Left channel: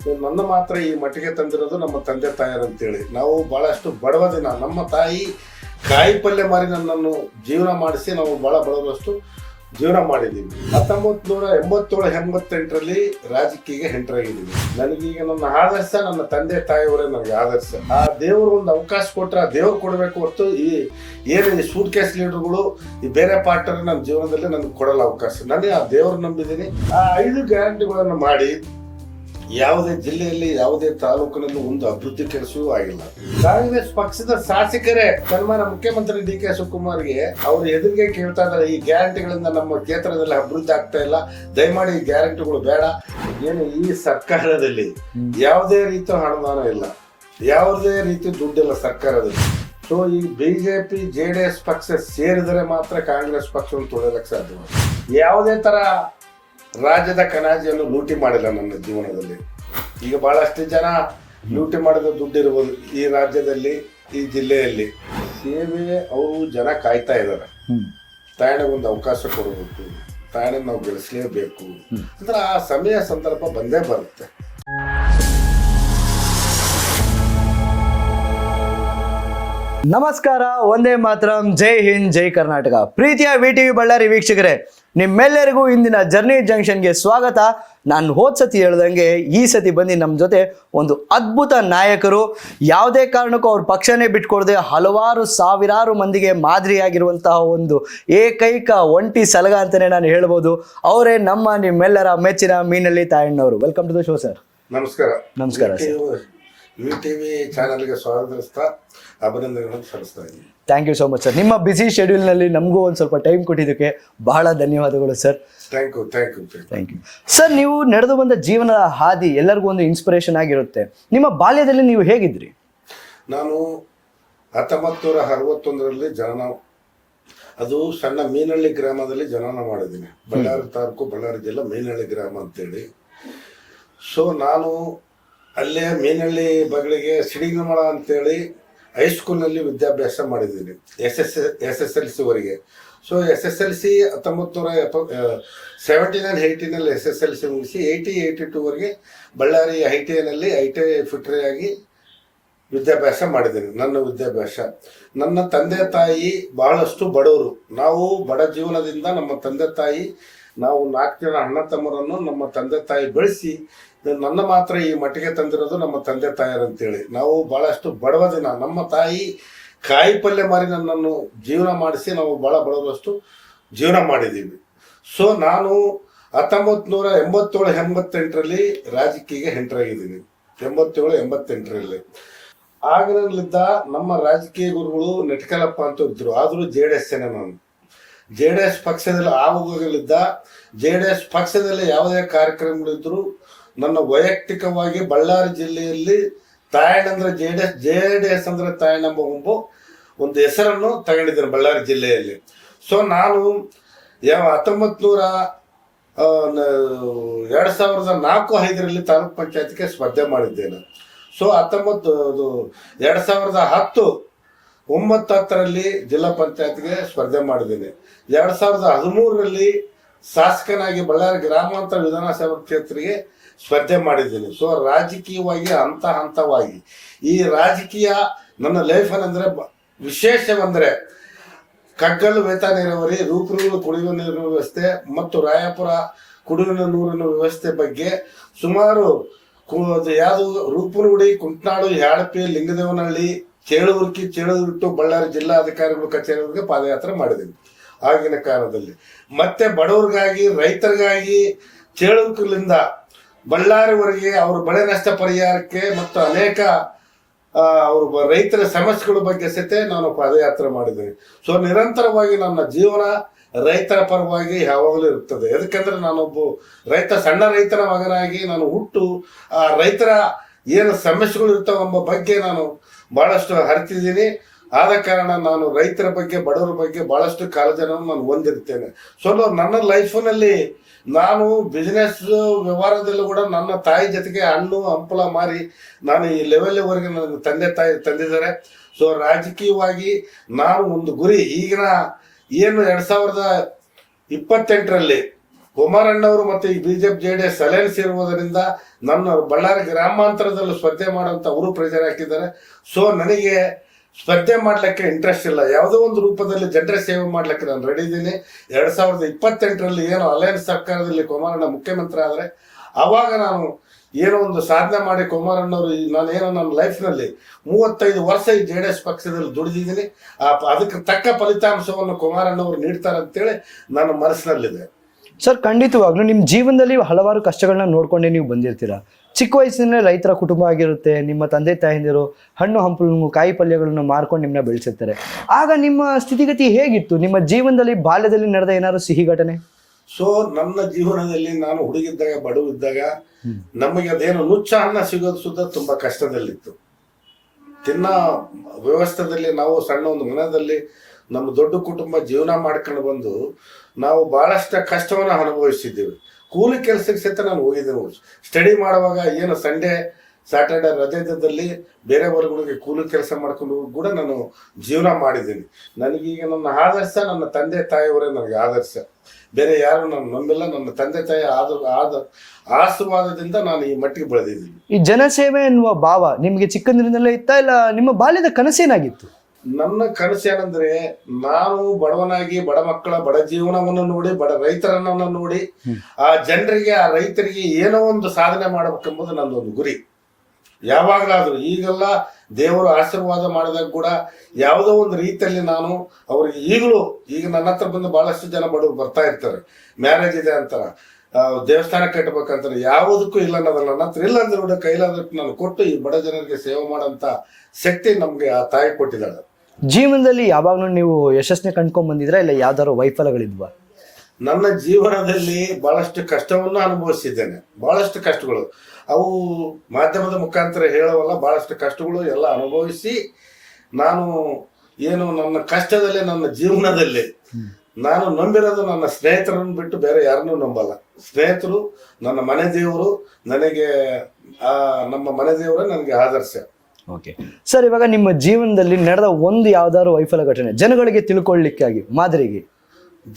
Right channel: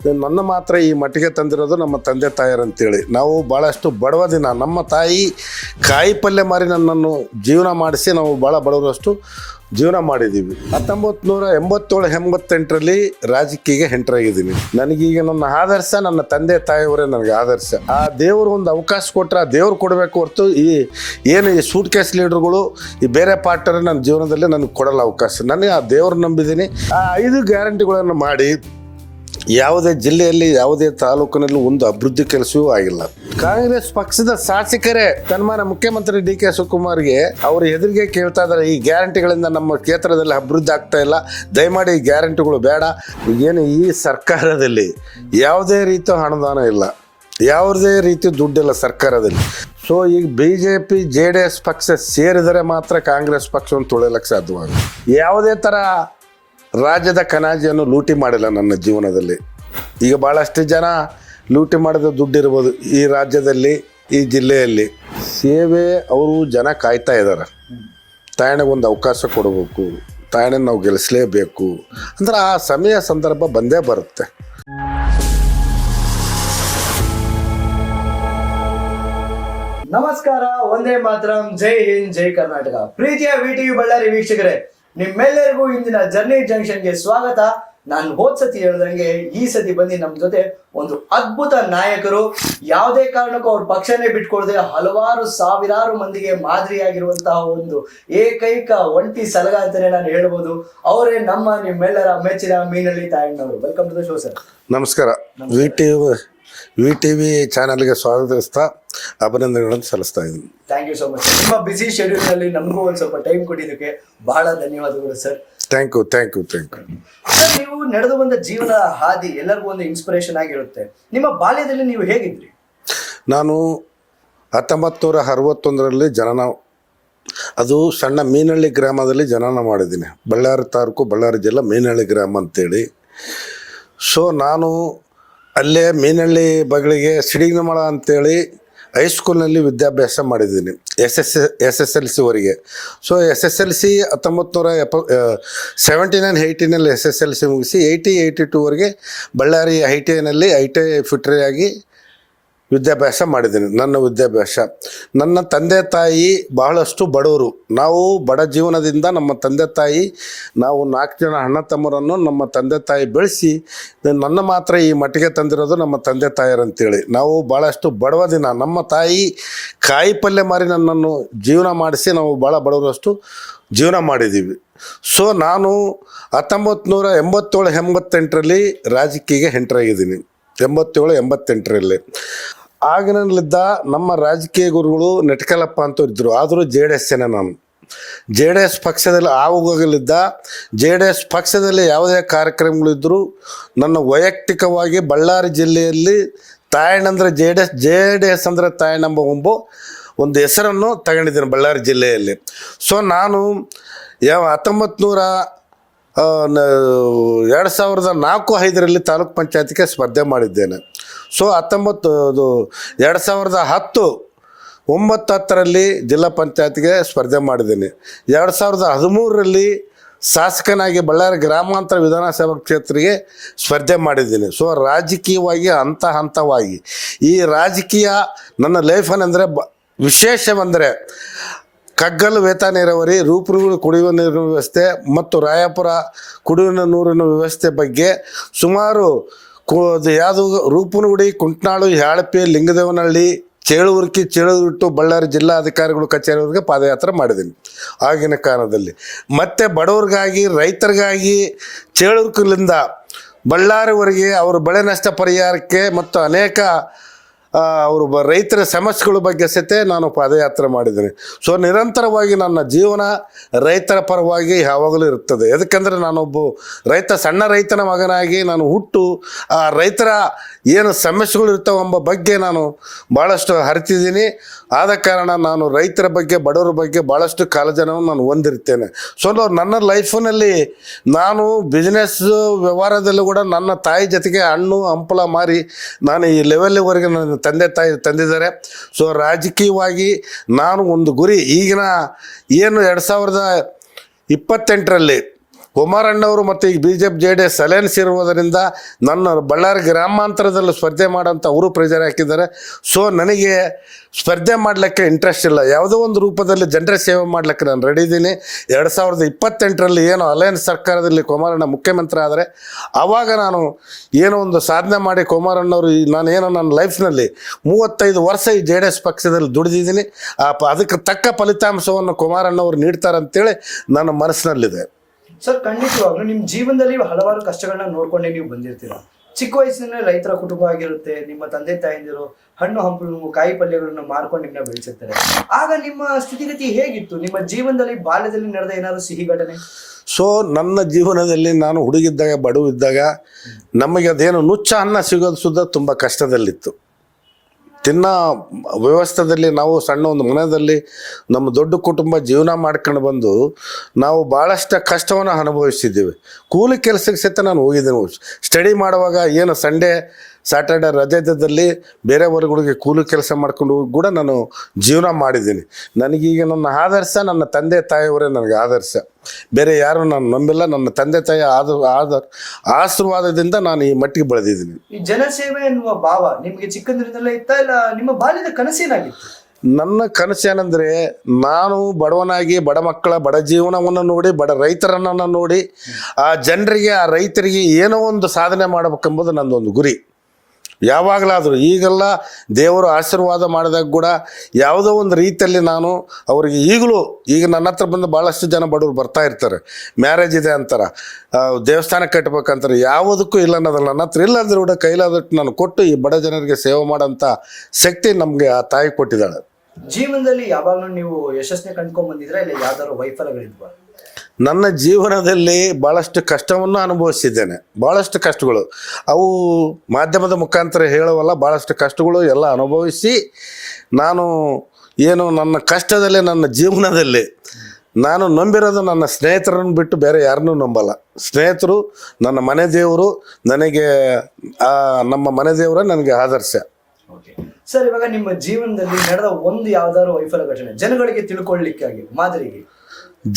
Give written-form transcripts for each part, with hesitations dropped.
ನನ್ನ ಮಾತ್ರ ಈ ಮಟ್ಟಿಗೆ ತಂದಿರೋದು ನಮ್ಮ ತಂದೆ ತಾಯಿಯರು ಅಂತೇಳಿ. ನಾವು ಭಾಳಷ್ಟು ಬಡವ ದಿನ, ನಮ್ಮ ತಾಯಿ ಕಾಯಿ ಪಲ್ಯ ಮಾರಿ ನನ್ನನ್ನು ಜೀವನ ಮಾಡಿಸಿ ನಾವು ಭಾಳ ಬಡವರಷ್ಟು ಜೀವನ ಮಾಡಿದ್ದೀವಿ. 1987-88ರಲ್ಲಿ ರಾಜಕೀಯಕ್ಕೆ ಎಂಟ್ರಾಗಿದ್ದೀನಿ. ನನಗೀಗ ನನ್ನ ಆದರ್ಶ ನನ್ನ ತಂದೆ ತಾಯಿಯವರೇ ನನಗೆ ಆದರ್ಶ. ಆ ದೇವರು ಒಂದು ಅವಕಾಶ ಕೊಟ್ಟರೆ ಆ ದೇವ್ರು ಕೊಡಬೇಕು ಹೊರತು ಈ ಸೂಟ್ ಕೇಸ್ ಲೀಡರ್ಗಳು ಈ ಬೇರೆ ಪಾರ್ಟರ್ ನನ್ನ ಜೀವನದಲ್ಲಿ ನನಗೆ ಕೊಡಲ್ಲ ಅವಕಾಶ. ನನಗೆ ಆ ದೇವ್ರು ನಂಬಿದ್ದೀನಿ. ಆ 5 ಗ್ಯಾರಂಟಿಗಳನ್ನು ಮಾಡಿ ಯಾವುದೇ ಜಿಲ್ಲೆಯಲ್ಲಿ ಯಾವುದೇ ತಾಲೂಕಿನಲ್ಲೂ ಒಂದು ಅಭಿವೃದ್ಧಿ ಕೆಲಸವೂ ಆಗಿಲ್ಲ. ಕಾಂಗ್ರೆಸ್ ಪಕ್ಷದ ಶಾಸಕರೇ ಸನ್ಮಾನ್ಯ ಮುಖ್ಯಮಂತ್ರಿ DK ಶಿವಕುಮಾರ್ಗೆ ಅವ್ರ ಎದುರಿಗೆ ಕೇಳ್ತಾ ಇದ್ದಾರೆ, ಈ ಗ್ಯಾರಂಟಿಗಳಿಂದ ನಮ್ಮ ಕ್ಷೇತ್ರದಲ್ಲಿ ಅಭಿವೃದ್ಧಿ ಆಗ್ತಾ ಇಲ್ಲ, ದಯಮಾಡಿ ಈ ಗ್ಯಾರಂಟಿಗಳು ಬೇಡ. ಈಗೇನು ಈ ಸರ್ಕಾರದಲ್ಲಿ ಯಾವುದೇ ರೀತಿಯ ಅನುದಾನ ಇಲ್ಲ, ಯಾವುದೇ ರೀತಿ ದುಡ್ಡಿಲ್ಲ ಸರ್ಕಾರದಲ್ಲಿ. ಸೊ ಈಗ BJP JDS ಪಕ್ಷ ಸೇರಿದರೆ ಮಾತ್ರ ಕಾಂಗ್ರೆಸ್ ಪಕ್ಷವನ್ನು ತುಳಿಯಲಿಕ್ಕೆ ಸಾಧ್ಯವಾಗುತ್ತೆ. ಯಾವುದೇ ಥರ ರಾಜ್ಯದ ಕನಾಜಿಯನ್ನು ಲೂಟಿ ಮಾಡಿಲ್ಲ ನನ್ನ ಜೀವನದಲ್ಲಿ. ಈಗ ಭಾಳಷ್ಟು ಜನ ಲೂಟಿ ಮಾಡಿದ ದುಡ್ಡಿರ್ಬೋದು ಈ ರಾಜ್ಯದಲ್ಲಿ, ಈ ಜಿಲ್ಲೆಯಲ್ಲಿ. ಸೇವೆ ಅವರು ಜನ ಕಾಯ್ತಾ ಇದ್ದಾರೆ. ತಾಯಣಗೊಂದು ಅವಕಾಶ ಕೊಡಬೇಕು, ತಾಯಣ ನಾವು ಗೆಲ್ಲಿಸಲೇಬೇಕು ಅಂದ್ರೆ ಆ ಸಮಯ ಸಂದರ್ಭ ಬಂದೇ ಬರುತ್ತೆ. ನಮಸ್ಕಾರ, ಒಂದೇ ಮಾತರಂ, ಜೈ ಹಿಂದ್, ಜೈ ಕರ್ನಾಟಕ. ಪ್ರೀತಿಯ VTV ಬಳ್ಳಾರಿ ವೀಕ್ಷಕರೇ, ನಿಮ್ಮೆಲ್ಲರಿಗೂ ಇಂದಿನ ಜರ್ನಿ ಜಂಕ್ಷನ್ಗೆ ಸ್ವಾಗತ. ನಾನು ಹೋದ ಸತಿ ಹೇಳ್ದಂಗೆ ಈ ಸತಿ ಬಂದು ನಮ್ಮ ಜೊತೆ ಒಂದು ಅದ್ಭುತ ನಾಯಕರು, ಯಾವುದೇ ಕಾರಣಕ್ಕೂ ಅವ್ರ ಪಕ್ಷನೇ ಬಿಟ್ಕೊಡದೆ ಹಲವಾರು ಸಾವಿರಾರು ಮಂದಿಗೆ ಮಾದರಿಯಾಗಿರುವಂತಹ ಒಂದು ಏಕೈಕ ಒಂಟಿ ಸಲಗ ಅಂತಾನೆ ನಾನು ಹೇಳ್ಬೋದು. ಅವರೇ ನಿಮ್ಮೆಲ್ಲರ ಮೆಚ್ಚಿನ ಮೀನಳ್ಳಿ ತಾಯಣ್ಣವರು. Welcome to the show sir. ನಮಸ್ಕಾರ. VTV ಚಾನಲ್ಗೆ ಸ್ವಾಗತಿಸ್ತಾ ಅಭಿನಂದನೆಗಳನ್ನು ಸಲ್ಲಿಸ್ತಾ ಇದ್ದೀನಿ. Thank you so much sir. ನಿಮ್ಮ ಬಿಸಿ ಶೆಡ್ಯೂಲ್ನಲ್ಲಿ ನಮಗೂ ಒಂದು ಸ್ವಲ್ಪ ಟೈಮ್ ಕೊಟ್ಟಿದ್ದಕ್ಕೆ ಬಹಳ ಧನ್ಯವಾದಗಳು ಸರ್. Thank you sir. ನೀವು ನಡೆದು ಬಂದ ಜೀವನದ ಹಾದಿ ಎಲ್ಲರಿಗೂ ಒಂದು ಇನ್ಸ್ಪಿರೇಷನ್ ಆಗಿರುತ್ತೆ. ನಿಮ್ಮ ಬಾಲ್ಯದಲ್ಲಿ ನೀವು ಹೇಗಿದ್ರಿ? ನಾನು 1961ರಲ್ಲಿ ಜನನ, ಅದು ಸಣ್ಣ ಮೀನಹಳ್ಳಿ ಗ್ರಾಮದಲ್ಲಿ ಜನನ ಮಾಡಿದ್ದೀನಿ. ಬಳ್ಳಾರಿ ತಾಲೂಕು, ಬಳ್ಳಾರಿ ಜಿಲ್ಲಾ, ಮೀನಹಳ್ಳಿ ಗ್ರಾಮ ಅಂತೇಳಿ. ಸೊ ನಾನು ಅಲ್ಲೇ ಮೀನಹಳ್ಳಿ ಬಗಳಿಗೆ ಸಿಡಿಗಮಳ ಅಂತೇಳಿ ಹೈಸ್ಕೂಲ್ನಲ್ಲಿ ವಿದ್ಯಾಭ್ಯಾಸ ಮಾಡಿದ್ದೀನಿ, SSLCವರೆಗೆ. ಸೊ SSLC 1979-80ನಲ್ಲಿ SSLC ಮುಗಿಸಿ 80-82ವರೆಗೆ ಬಳ್ಳಾರಿ ITIನಲ್ಲಿ ITI ಫಿಟ್ರಿ ಆಗಿ ವಿದ್ಯಾಭ್ಯಾಸ ಮಾಡಿದ್ದೀನಿ. ನನ್ನ ವಿದ್ಯಾಭ್ಯಾಸ, ನನ್ನ ತಂದೆ ತಾಯಿ ಬಹಳಷ್ಟು ಬಡವರು. ನಾವು ಬಡ ಜೀವನದಿಂದ ನಮ್ಮ ತಂದೆ ತಾಯಿ, ನಾವು 4 ಜನ ಅಣ್ಣ ತಮ್ಮರನ್ನು ನಮ್ಮ ತಂದೆ ತಾಯಿ ಬೆಳೆಸಿ ನನ್ನ ಮಾತ್ರ ಈ ಮಟ್ಟಿಗೆ ತಂದಿರೋದು ನಮ್ಮ ತಂದೆ ತಾಯಿಯರು ಅಂತೇಳಿ. ನಾವು ಭಾಳಷ್ಟು ಬಡವ ದಿನ, ನಮ್ಮ ತಾಯಿ ಕಾಯಿ ಪಲ್ಯ ಮಾರಿ ನನ್ನನ್ನು ಜೀವನ ಮಾಡಿಸಿ ನಾವು ಭಾಳ ಬಡವರಷ್ಟು ಜೀವನ ಮಾಡಿದ್ದೀವಿ. ಸೊ ನಾನು 1987-88ರಲ್ಲಿ ರಾಜಕೀಯಕ್ಕೆ ಎಂಟ್ರಾಗಿದ್ದೀನಿ. 87-88ರಲ್ಲಿ. ಆಗಿನಲ್ಲಿದ್ದ ನಮ್ಮ ರಾಜಕೀಯ ಗುರುಗಳು ನೆಟ್ಕಲಪ್ಪ ಅಂತ ಇದ್ದರು. ಆದರೂ JDS ನಾನು JDS ಪಕ್ಷದಲ್ಲಿ ಆವಾಗಲಿದ್ದ JDS ಪಕ್ಷದಲ್ಲಿ ಯಾವುದೇ ಕಾರ್ಯಕ್ರಮಗಳಿದ್ದರೂ ನನ್ನ ವೈಯಕ್ತಿಕವಾಗಿ ಬಳ್ಳಾರಿ ಜಿಲ್ಲೆಯಲ್ಲಿ ತಾಯಣ್ಣಂದ್ರೆ JDS ಅಂದರೆ ತಾಯಣ್ಣಂಬ ಒಂದು ಹೆಸರನ್ನು ತಗೊಂಡಿದ್ದೀನಿ ಬಳ್ಳಾರಿ ಜಿಲ್ಲೆಯಲ್ಲಿ. ಸೊ ನಾನು 2004-05ರಲ್ಲಿ ತಾಲೂಕ್ ಪಂಚಾಯತಿಗೆ ಸ್ಪರ್ಧೆ ಮಾಡಿದ್ದೇನೆ. ಸೊ 2010-9-10ರಲ್ಲಿ ಜಿಲ್ಲಾ ಪಂಚಾಯತ್ಗೆ ಸ್ಪರ್ಧೆ ಮಾಡಿದ್ದೀನಿ. 2013ರಲ್ಲಿ ಶಾಸಕನಾಗಿ ಬಳ್ಳಾರಿ ಗ್ರಾಮಾಂತರ ವಿಧಾನಸಭಾ ಕ್ಷೇತ್ರಕ್ಕೆ ಸ್ಪರ್ಧೆ ಮಾಡಿದ್ದೀನಿ. ಸೊ ರಾಜಕೀಯವಾಗಿ ಹಂತವಾಗಿ ಈ ರಾಜಕೀಯ ನನ್ನ ಲೈಫನ್ನೆಂದರೆ ವಿಶೇಷವೆಂದರೆ ಕಗ್ಗಲ್ ವೇತ ನೀರಾವರಿ, ರೂಪನೂರು ಕುಡಿಯುವ ನೀರಿನ ವ್ಯವಸ್ಥೆ ಮತ್ತು ರಾಯಪುರ ಕುಡಿಯುವ ನೀರಿನ ವ್ಯವಸ್ಥೆ ಬಗ್ಗೆ ಸುಮಾರು ಯಾವುದು ರೂಪನಗುಡಿ, ಕುಂಟ್ನಾಳು, ಹ್ಯಾಳಪೆ, ಲಿಂಗದೇವನಹಳ್ಳಿ, ಚೇಳೂರು ಬಳ್ಳಾರಿ ಜಿಲ್ಲಾಧಿಕಾರಿಗಳು ಕಚೇರಿವರೆಗೆ ಪಾದಯಾತ್ರೆ ಮಾಡಿದ್ದೀನಿ ಆಗಿನ ಕಾಲದಲ್ಲಿ. ಮತ್ತು ಬಡವ್ರಿಗಾಗಿ, ರೈತರಿಗಾಗಿ ಚೇಳೂರಿನಿಂದ ಬಳ್ಳಾರಿವರೆಗೆ ಅವರ ಬೆಳೆ ನಷ್ಟ ಪರಿಹಾರಕ್ಕೆ ಮತ್ತು ಅನೇಕ ಅವರು ರೈತರ ಸಮಸ್ಯೆಗಳ ಬಗ್ಗೆ ಸಹಿತ ನಾನು ಪಾದಯಾತ್ರೆ ಮಾಡಿದ್ದೀನಿ. ಸೊ ನಿರಂತರವಾಗಿ ನನ್ನ ಜೀವನ ರೈತರ ಪರವಾಗಿ ಯಾವಾಗಲೂ ಇರ್ತದೆ. ಯಾಕಂದರೆ ನಾನೊಬ್ಬ ಸಣ್ಣ ರೈತನ ಮಗನಾಗಿ ನಾನು ಹುಟ್ಟು ಆ ರೈತರ ಏನು ಸಮಸ್ಯೆಗಳು ಇರ್ತಾವೆಂಬ ಬಗ್ಗೆ ನಾನು ಭಾಳಷ್ಟು ಅರಿತಿದ್ದೀನಿ. ಆದ ಕಾರಣ ನಾನು ರೈತರ ಬಗ್ಗೆ, ಬಡವರ ಬಗ್ಗೆ ಭಾಳಷ್ಟು ಕಾಳಜಿಯನ್ನು ನಾನು ಹೊಂದಿರ್ತೇನೆ. ಸೊ ನನ್ನ ಲೈಫಿನಲ್ಲಿ ನಾನು ಬಿಸ್ನೆಸ್ ವ್ಯವಹಾರದಲ್ಲೂ ಕೂಡ ನನ್ನ ತಾಯಿ ಜೊತೆಗೆ ಹಣ್ಣು ಹಂಪಲ ಮಾರಿ ನಾನು ಈ ಲೆವೆಲ್ವರೆಗೆ ನನ್ನ ತಂದೆ ತಾಯಿ ತಂದಿದ್ದಾರೆ. ಸೊ ರಾಜಕೀಯವಾಗಿ ನಾನು ಒಂದು ಗುರಿ, ಈಗಿನ ಏನು 2028ರಲ್ಲಿ ಕುಮಾರಣ್ಣವರು ಮತ್ತು ಈ BJP JDS ಅಲಯನ್ಸ್ ಇರುವುದರಿಂದ ನನ್ನ ಬಳ್ಳಾರಿ ಗ್ರಾಮಾಂತರದಲ್ಲಿ ಸ್ಪರ್ಧೆ ಮಾಡೋಂಥ ಅವರು ಪ್ರೆಜರ್ ಹಾಕಿದ್ದಾರೆ. ಸೊ ನನಗೆ ಸ್ಪರ್ಧೆ ಮಾಡಲಿಕ್ಕೆ ಇಂಟ್ರೆಸ್ಟ್ ಇಲ್ಲ. ಯಾವುದೋ ಒಂದು ರೂಪದಲ್ಲಿ ಜನರ ಸೇವೆ ಮಾಡಲಿಕ್ಕೆ ನಾನು ರೆಡಿ ಇದ್ದೀನಿ. 2028ರಲ್ಲಿ ಏನು ಅಲಯನ್ಸ್ ಸರ್ಕಾರದಲ್ಲಿ ಕುಮಾರಣ್ಣ ಮುಖ್ಯಮಂತ್ರಿ ಆದರೆ ಆವಾಗ ನಾನು ಏನೋ ಒಂದು ಸಾಧನೆ ಮಾಡಿ ಕುಮಾರಣ್ಣವರು ನಾನೇನೋ ನನ್ನ ಲೈಫ್ನಲ್ಲಿ 35 ವರ್ಷ ಈ JDS ಪಕ್ಷದಲ್ಲಿ ದುಡಿದಿದ್ದೀನಿ. ಅದಕ್ಕೆ ತಕ್ಕ ಫಲಿತಾಂಶವನ್ನು ಕುಮಾರಣ್ಣವರು ನೀಡ್ತಾರಂತೇಳಿ ನನ್ನ ಮನಸ್ಸಿನಲ್ಲಿದೆ. ಸರ್, ಖಂಡಿತವಾಗ್ಲೂ ನಿಮ್ಮ ಜೀವನದಲ್ಲಿ ಹಲವಾರು ಕಷ್ಟಗಳನ್ನ ನೋಡ್ಕೊಂಡೇ ನೀವು ಬಂದಿರ್ತೀರಾ. ಚಿಕ್ಕ ವಯಸ್ಸಿನ ರೈತರ ಕುಟುಂಬ ಆಗಿರುತ್ತೆ. ನಿಮ್ಮ ತಂದೆ ತಾಯಂದಿರು ಹಣ್ಣು ಹಂಪಲು ಕಾಯಿ ಪಲ್ಯಗಳನ್ನು ಮಾರ್ಕೊಂಡು ನಿಮ್ಮನ್ನ ಬೆಳೆಸಿರ್ತಾರೆ. ಆಗ ನಿಮ್ಮ ಸ್ಥಿತಿಗತಿ ಹೇಗಿತ್ತು? ನಿಮ್ಮ ಜೀವನದಲ್ಲಿ ಬಾಲ್ಯದಲ್ಲಿ ನಡೆದ ಏನಾದ್ರು ಸಿಹಿ ಘಟನೆ? ಸೊ ನನ್ನ ಜೀವನದಲ್ಲಿ ನಾನು ಹುಡುಗಿದ್ದಾಗ ಬಡವಿದ್ದಾಗ ನಮಗೆ ಅದೇನು ನುಚ್ಚ ಅನ್ನ ಸಿಗೋದು ಸುದ್ದ ತುಂಬ ಕಷ್ಟದಲ್ಲಿತ್ತು. ತಿನ್ನೋ ವ್ಯವಸ್ಥೆಯಲ್ಲಿ ನಾವು ಸಣ್ಣ ಒಂದು ಮನೆಯಲ್ಲಿ ನಮ್ಮ ದೊಡ್ಡ ಕುಟುಂಬ ಜೀವನ ಮಾಡ್ಕೊಂಡು ಬಂದು ನಾವು ಭಾಳಷ್ಟು ಕಷ್ಟವನ್ನು ಅನುಭವಿಸಿದ್ದೀವಿ. ಕೂಲಿ ಕೆಲಸಕ್ಕೆ ಸಹಿತ ನಾನು ಹೋಗಿದ್ದೀನಿ. ಸ್ಟಡಿ ಮಾಡುವಾಗ ಏನು ಸಂಡೇ ಸ್ಯಾಟರ್ಡೆ ರಜೆದಲ್ಲಿ ಬೇರೆ ವರ್ಗಗಳಿಗೆ ಕೂಲಿ ಕೆಲಸ ಮಾಡ್ಕೊಂಡು ಹೋಗಿ ಕೂಡ ನಾನು ಜೀವನ ಮಾಡಿದ್ದೀನಿ. ನನಗೀಗ ನನ್ನ ಆದರ್ಶ ನನ್ನ ತಂದೆ ತಾಯಿಯವರೇ ನನಗೆ ಆದರ್ಶ. ಬೇರೆ ಯಾರು ನಾನು ನಂಬಿಲ್ಲ. ನನ್ನ ತಂದೆ ತಾಯಿ ಆಶೀರ್ವಾದದಿಂದ ನಾನು ಈ ಮಟ್ಟಿಗೆ ಬೆಳೆದಿದ್ದೀನಿ. ಈ ಜನಸೇವೆ ಎನ್ನುವ ಭಾವ ನಿಮಗೆ ಚಿಕ್ಕಂದಿನಿಂದಲೇ ಇತ್ತಾ, ಇಲ್ಲ ನಿಮ್ಮ ಬಾಲ್ಯದ ಕನಸೇನಾಗಿತ್ತು? ನನ್ನ ಕನಸು ಏನಂದ್ರೆ, ನಾನು ಬಡವನಾಗಿ ಬಡ ಮಕ್ಕಳ ಬಡ ಜೀವನವನ್ನು ನೋಡಿ ಬಡ ರೈತರನ್ನ ನೋಡಿ ಆ ಜನರಿಗೆ ಆ ರೈತರಿಗೆ ಏನೋ ಒಂದು ಸಾಧನೆ ಮಾಡಬೇಕೆಂಬುದು ನನ್ನೊಂದು ಗುರಿ. ಯಾವಾಗಲಾದರೂ ಈಗೆಲ್ಲ ದೇವರು ಆಶೀರ್ವಾದ ಮಾಡಿದಾಗ ಕೂಡ ಯಾವುದೋ ಒಂದು ರೀತಿಯಲ್ಲಿ ನಾನು ಅವರಿಗೆ ಈಗಲೂ ಈಗ ನನ್ನ ಹತ್ರ ಬಂದು ಭಾಳಷ್ಟು ಜನ ಬಡವರು ಬರ್ತಾ ಇರ್ತಾರೆ. ಮ್ಯಾರೇಜ್ ಇದೆ ಅಂತಾರೆ, ದೇವಸ್ಥಾನ ಕಟ್ಟಬೇಕಂತಾರೆ. ಯಾವುದಕ್ಕೂ ಇಲ್ಲ ಅನ್ನೋದಲ್ಲ. ನನ್ನ ಹತ್ರ ಇಲ್ಲ ಅಂದ್ರೆ ಕೂಡ ಕೈಲಾದಟ್ಟು ನಾನು ಕೊಟ್ಟು ಈ ಬಡ ಜನರಿಗೆ ಸೇವೆ ಮಾಡೋಂಥ ಶಕ್ತಿ ನಮಗೆ ಆ ತಾಯಿ ಕೊಟ್ಟಿದ್ದಾಳೆ. ಜೀವನದಲ್ಲಿ ಯಾವಾಗಲೂ ನೀವು ಯಶಸ್ಸನ್ನ ಕಂಡ್ಕೊಂಡ್ ಬಂದಿದ್ರಾ, ಇಲ್ಲ ಯಾವ್ದಾದ್ರು ವೈಫಲ್ಯಗಳಿದ್ವಾ? ನನ್ನ ಜೀವನದಲ್ಲಿ ಭಾಳಷ್ಟು ಕಷ್ಟವನ್ನು ಅನುಭವಿಸಿದ್ದೇನೆ. ಭಾಳಷ್ಟು ಕಷ್ಟಗಳು ಅವು ಮಾಧ್ಯಮದ ಮುಖಾಂತರ ಹೇಳುವಲ್ಲ. ಭಾಳಷ್ಟು ಕಷ್ಟಗಳು ಎಲ್ಲ ಅನುಭವಿಸಿ ನಾನು ಏನು ನನ್ನ ಕಷ್ಟದಲ್ಲಿ ನನ್ನ ಜೀವನದಲ್ಲಿ ನಾನು ನಂಬಿರೋದು ನನ್ನ ಸ್ನೇಹಿತರನ್ನು ಬಿಟ್ಟು ಬೇರೆ ಯಾರನ್ನೂ ನಂಬಲ್ಲ. ಸ್ನೇಹಿತರು ನನ್ನ ಮನೆ ದೇವರು. ನನಗೆ ನಮ್ಮ ಮನೆ ದೇವರ ನನಗೆ ಆದರ್ಶ. ಓಕೆ ಸರ್, ಇವಾಗ ನಿಮ್ಮ ಜೀವನದಲ್ಲಿ ನಡೆದ ಒಂದು ಯಾವ್ದಾದ್ರು ವೈಫಲ್ಯ ಘಟನೆ ಜನಗಳಿಗೆ ತಿಳ್ಕೊಳ್ಳಿಕ್ಕಾಗಿ ಮಾದರಿಗೆ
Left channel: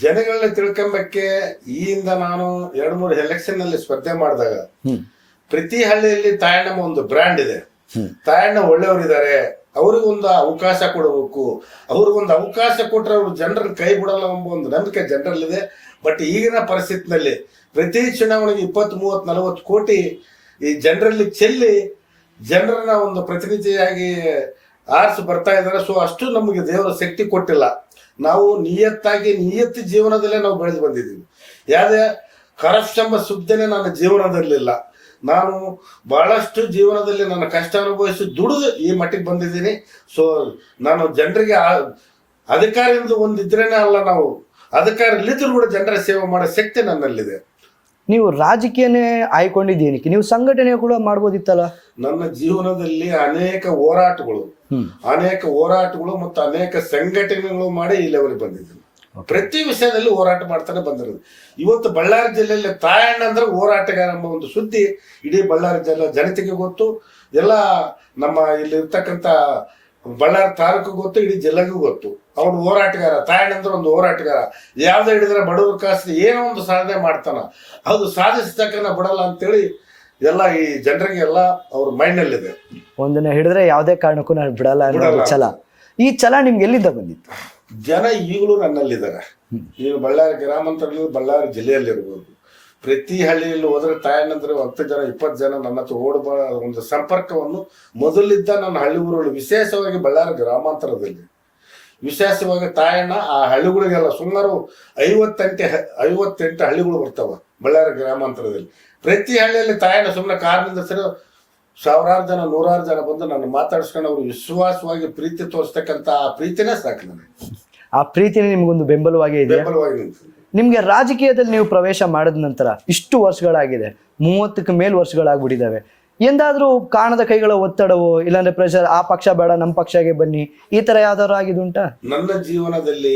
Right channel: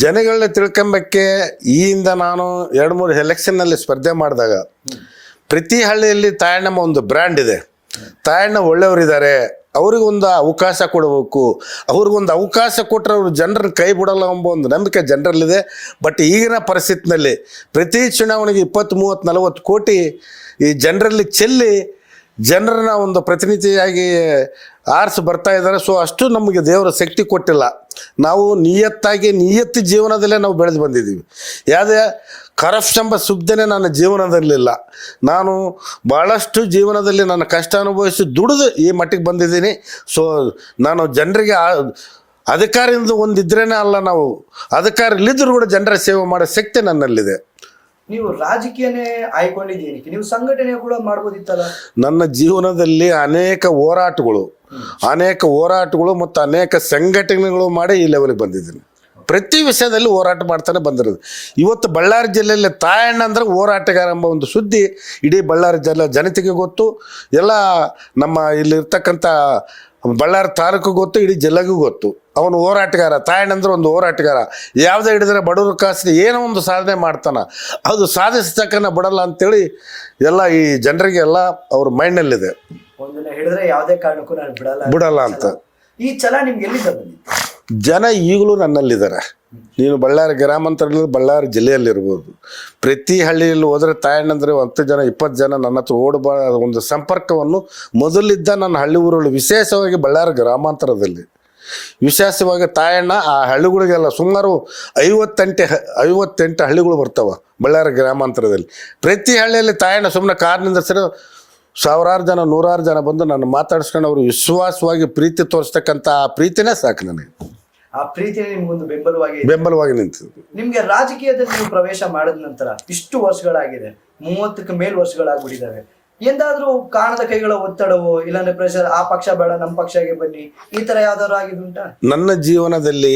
ಜನಗಳನ್ನ ತಿಳ್ಕೊಂಬಕ್ಕೆ ಈಯಿಂದ ನಾನು 2-3 ಎಲೆಕ್ಷನ್ನಲ್ಲಿ ಸ್ಪರ್ಧೆ ಮಾಡಿದಾಗ ಪ್ರತಿ ಹಳ್ಳಿಯಲ್ಲಿ ತಾಯಣ್ಣಮ್ಮ ಒಂದು ಬ್ರ್ಯಾಂಡ್ ಇದೆ. ತಾಯಣ್ಣ ಒಳ್ಳೆಯವರಿದ್ದಾರೆ, ಅವ್ರಿಗೊಂದು ಅವಕಾಶ ಕೊಡಬೇಕು. ಅವ್ರಿಗೊಂದು ಅವಕಾಶ ಕೊಟ್ಟರೆ ಅವರು ಜನರನ್ನ ಕೈ ಬಿಡಲ್ಲ ಎಂಬ ಒಂದು ನಂಬಿಕೆ ಜನರಲ್ಲಿದೆ. ಬಟ್ ಈಗಿನ ಪರಿಸ್ಥಿತಿನಲ್ಲಿ ಪ್ರತಿ ಚುನಾವಣೆಗೆ 20, 30, 40 ಕೋಟಿ ಈ ಜನರಲ್ಲಿ ಚೆಲ್ಲಿ ಜನರನ್ನ ಒಂದು ಪ್ರತಿನಿಧಿಯಾಗಿ ಆರಿಸಿ ಬರ್ತಾ ಇದ್ದಾರೆ. ಸೊ ಅಷ್ಟು ನಮಗೆ ದೇವರ ಶಕ್ತಿ ಕೊಟ್ಟಿಲ್ಲ. ನಾವು ನಿಯತ್ತು ಜೀವನದಲ್ಲೇ ನಾವು ಬೆಳೆದು ಬಂದಿದ್ದೀವಿ. ಯಾವುದೇ ಕರಪ್ಷನ್ ಎಂಬ ಸುದ್ದಿನೇ ನನ್ನ ಜೀವನದಲ್ಲಿಲ್ಲ. ನಾನು ಭಾಳಷ್ಟು ಜೀವನದಲ್ಲಿ ನನ್ನ ಕಷ್ಟ ಅನುಭವಿಸಿ ದುಡಿದು ಈ ಮಟ್ಟಿಗೆ ಬಂದಿದ್ದೀನಿ. ಸೊ ನಾನು ಜನರಿಗೆ ಅಧಿಕಾರದಿಂದ ಒಂದಿದ್ರೇನೆ ಅಲ್ಲ, ನಾವು ಅಧಿಕಾರ ಇಲ್ಲಿದ್ದರೂ ಕೂಡ ಜನರ ಸೇವೆ ಮಾಡೋ ಶಕ್ತಿ ನನ್ನಲ್ಲಿದೆ. ನೀವು ರಾಜಕೀಯನೇ ಆಯ್ಕೊಂಡಿದ್ದೀನಿ, ನೀವು ಸಂಘಟನೆ ಕೂಡ ಮಾಡ್ಬೋದಿತ್ತಲ್ಲ? ನನ್ನ ಜೀವನದಲ್ಲಿ ಅನೇಕ ಹೋರಾಟಗಳು ಮತ್ತು ಅನೇಕ ಸಂಘಟನೆಗಳು ಮಾಡಿ ಈ ಲೆವೆಲ್ಗೆ ಬಂದಿದ್ದೀನಿ. ಪ್ರತಿ ವಿಷಯದಲ್ಲಿ ಹೋರಾಟ ಮಾಡ್ತಾನೆ ಬಂದಿರೋದು. ಇವತ್ತು ಬಳ್ಳಾರಿ ಜಿಲ್ಲೆಯಲ್ಲಿ ತಾಯಣ್ಣ ಅಂದ್ರೆ ಹೋರಾಟಗಾರ ಎಂಬ ಒಂದು ಸುದ್ದಿ ಇಡೀ ಬಳ್ಳಾರಿ ಜಿಲ್ಲೆ ಜನತೆಗೆ ಗೊತ್ತು. ಎಲ್ಲ ನಮ್ಮ ಇಲ್ಲಿರ್ತಕ್ಕಂಥ ಬಳ್ಳಾರಿ ತಾಲೂಕು ಗೊತ್ತು, ಇಡೀ ಜಿಲ್ಲೆಗೂ ಗೊತ್ತು. ಅವನು ಹೋರಾಟಗಾರ. ತಾಯಣ್ಣ ಅಂದ್ರೆ ಒಂದು ಹೋರಾಟಗಾರ. ಯಾವುದೇ ಹಿಡಿದ್ರೆ ಬಡವರು ಕಾಸಿಗೆ ಏನೋ ಒಂದು ಸಾಧನೆ ಮಾಡ್ತಾನ, ಅದು ಸಾಧಿಸ್ತಕ್ಕನ್ನ ಬಿಡಲ್ಲ ಅಂತೇಳಿ ಎಲ್ಲ ಈ ಜನರಿಗೆ ಎಲ್ಲ ಅವ್ರ ಮೈಂಡ್ನಲ್ಲಿದೆ. ಒಂದನ್ನ ಹಿಡಿದ್ರೆ ಯಾವುದೇ ಕಾರಣಕ್ಕೂ ನಾನು ಬಿಡಲ್ಲ ಛಲ. ಈ ಛಲ ನಿಮ್ಗೆ ಎಲ್ಲಿಂದ ಬಂದಿತ್ತು? ಜನ ಈಗಲೂ ನನ್ನಲ್ಲಿದ್ದಾರೆ. ನೀನು ಬಳ್ಳಾರಿ ಗ್ರಾಮಾಂತರದಲ್ಲಿ ಬಳ್ಳಾರಿ ಜಿಲ್ಲೆಯಲ್ಲಿರ್ಬೋದು, ಪ್ರತಿ ಹಳ್ಳಿಯಲ್ಲಿ ಹೋದರೆ ತಾಯಣ್ಣಂದ್ರೆ 10 ಜನ 20 ಜನ ನನ್ನ ಹತ್ರ ಒಂದು ಸಂಪರ್ಕವನ್ನು ಮೊದಲಿದ್ದ ನನ್ನ ಹಳ್ಳಿ ಊರುಗಳು, ವಿಶೇಷವಾಗಿ ಬಳ್ಳಾರಿ ಗ್ರಾಮಾಂತರದಲ್ಲಿ ವಿಶೇಷವಾಗಿ ತಾಯಣ್ಣ ಆ ಹಳ್ಳಿಗಳಿಗೆಲ್ಲ ಸುಮಾರು 58 ಹಳ್ಳಿಗಳು ಬರ್ತಾವ ಬಳ್ಳಾರಿ ಗ್ರಾಮಾಂತರದಲ್ಲಿ. ಪ್ರತಿ ಹಳ್ಳಿಯಲ್ಲಿ ತಾಯಣ್ಣ ಸುಮ್ಮನೆ ಕಾರ್ನಿಂದ ಸರಿ 1000 ಜನ 100 ಜನ ಬಂದು ನಾನು ಮಾತಾಡಿಸ್ಕೊಂಡು ಅವರು ವಿಶ್ವಾಸವಾಗಿ ಪ್ರೀತಿ ತೋರಿಸ್ತಕ್ಕಂಥ ಆ ಪ್ರೀತಿನೇ ಸಾಕು ನನಗೆ. ಆ ಪ್ರೀತಿನೇ ನಿಮ್ಗೊಂದು ಬೆಂಬಲವಾಗಿ ನಿಂತಿದೆ. ನಿಮ್ಗೆ ರಾಜಕೀಯದಲ್ಲಿ ನೀವು ಪ್ರವೇಶ ಮಾಡಿದ ನಂತರ ಇಷ್ಟು ವರ್ಷಗಳಾಗಿದೆ, 30ಕ್ಕೆ ಮೇಲ್ ವರ್ಷಗಳಾಗ್ಬಿಟ್ಟಿದ್ದಾವೆ. ಎಂದಾದ್ರೂ ಕಾಣದ ಕೈಗಳ ಒತ್ತಡವು, ಇಲ್ಲಾಂದ್ರೆ ಪ್ರೆಷರ್, ಆ ಪಕ್ಷ ಬೇಡ ನಮ್ಮ ಪಕ್ಷಕ್ಕೆ ಬನ್ನಿ, ಈ ತರ ಯಾವ್ದಾದ್ರು ಆಗಿದುಂಟಾ? ನನ್ನ ಜೀವನದಲ್ಲಿ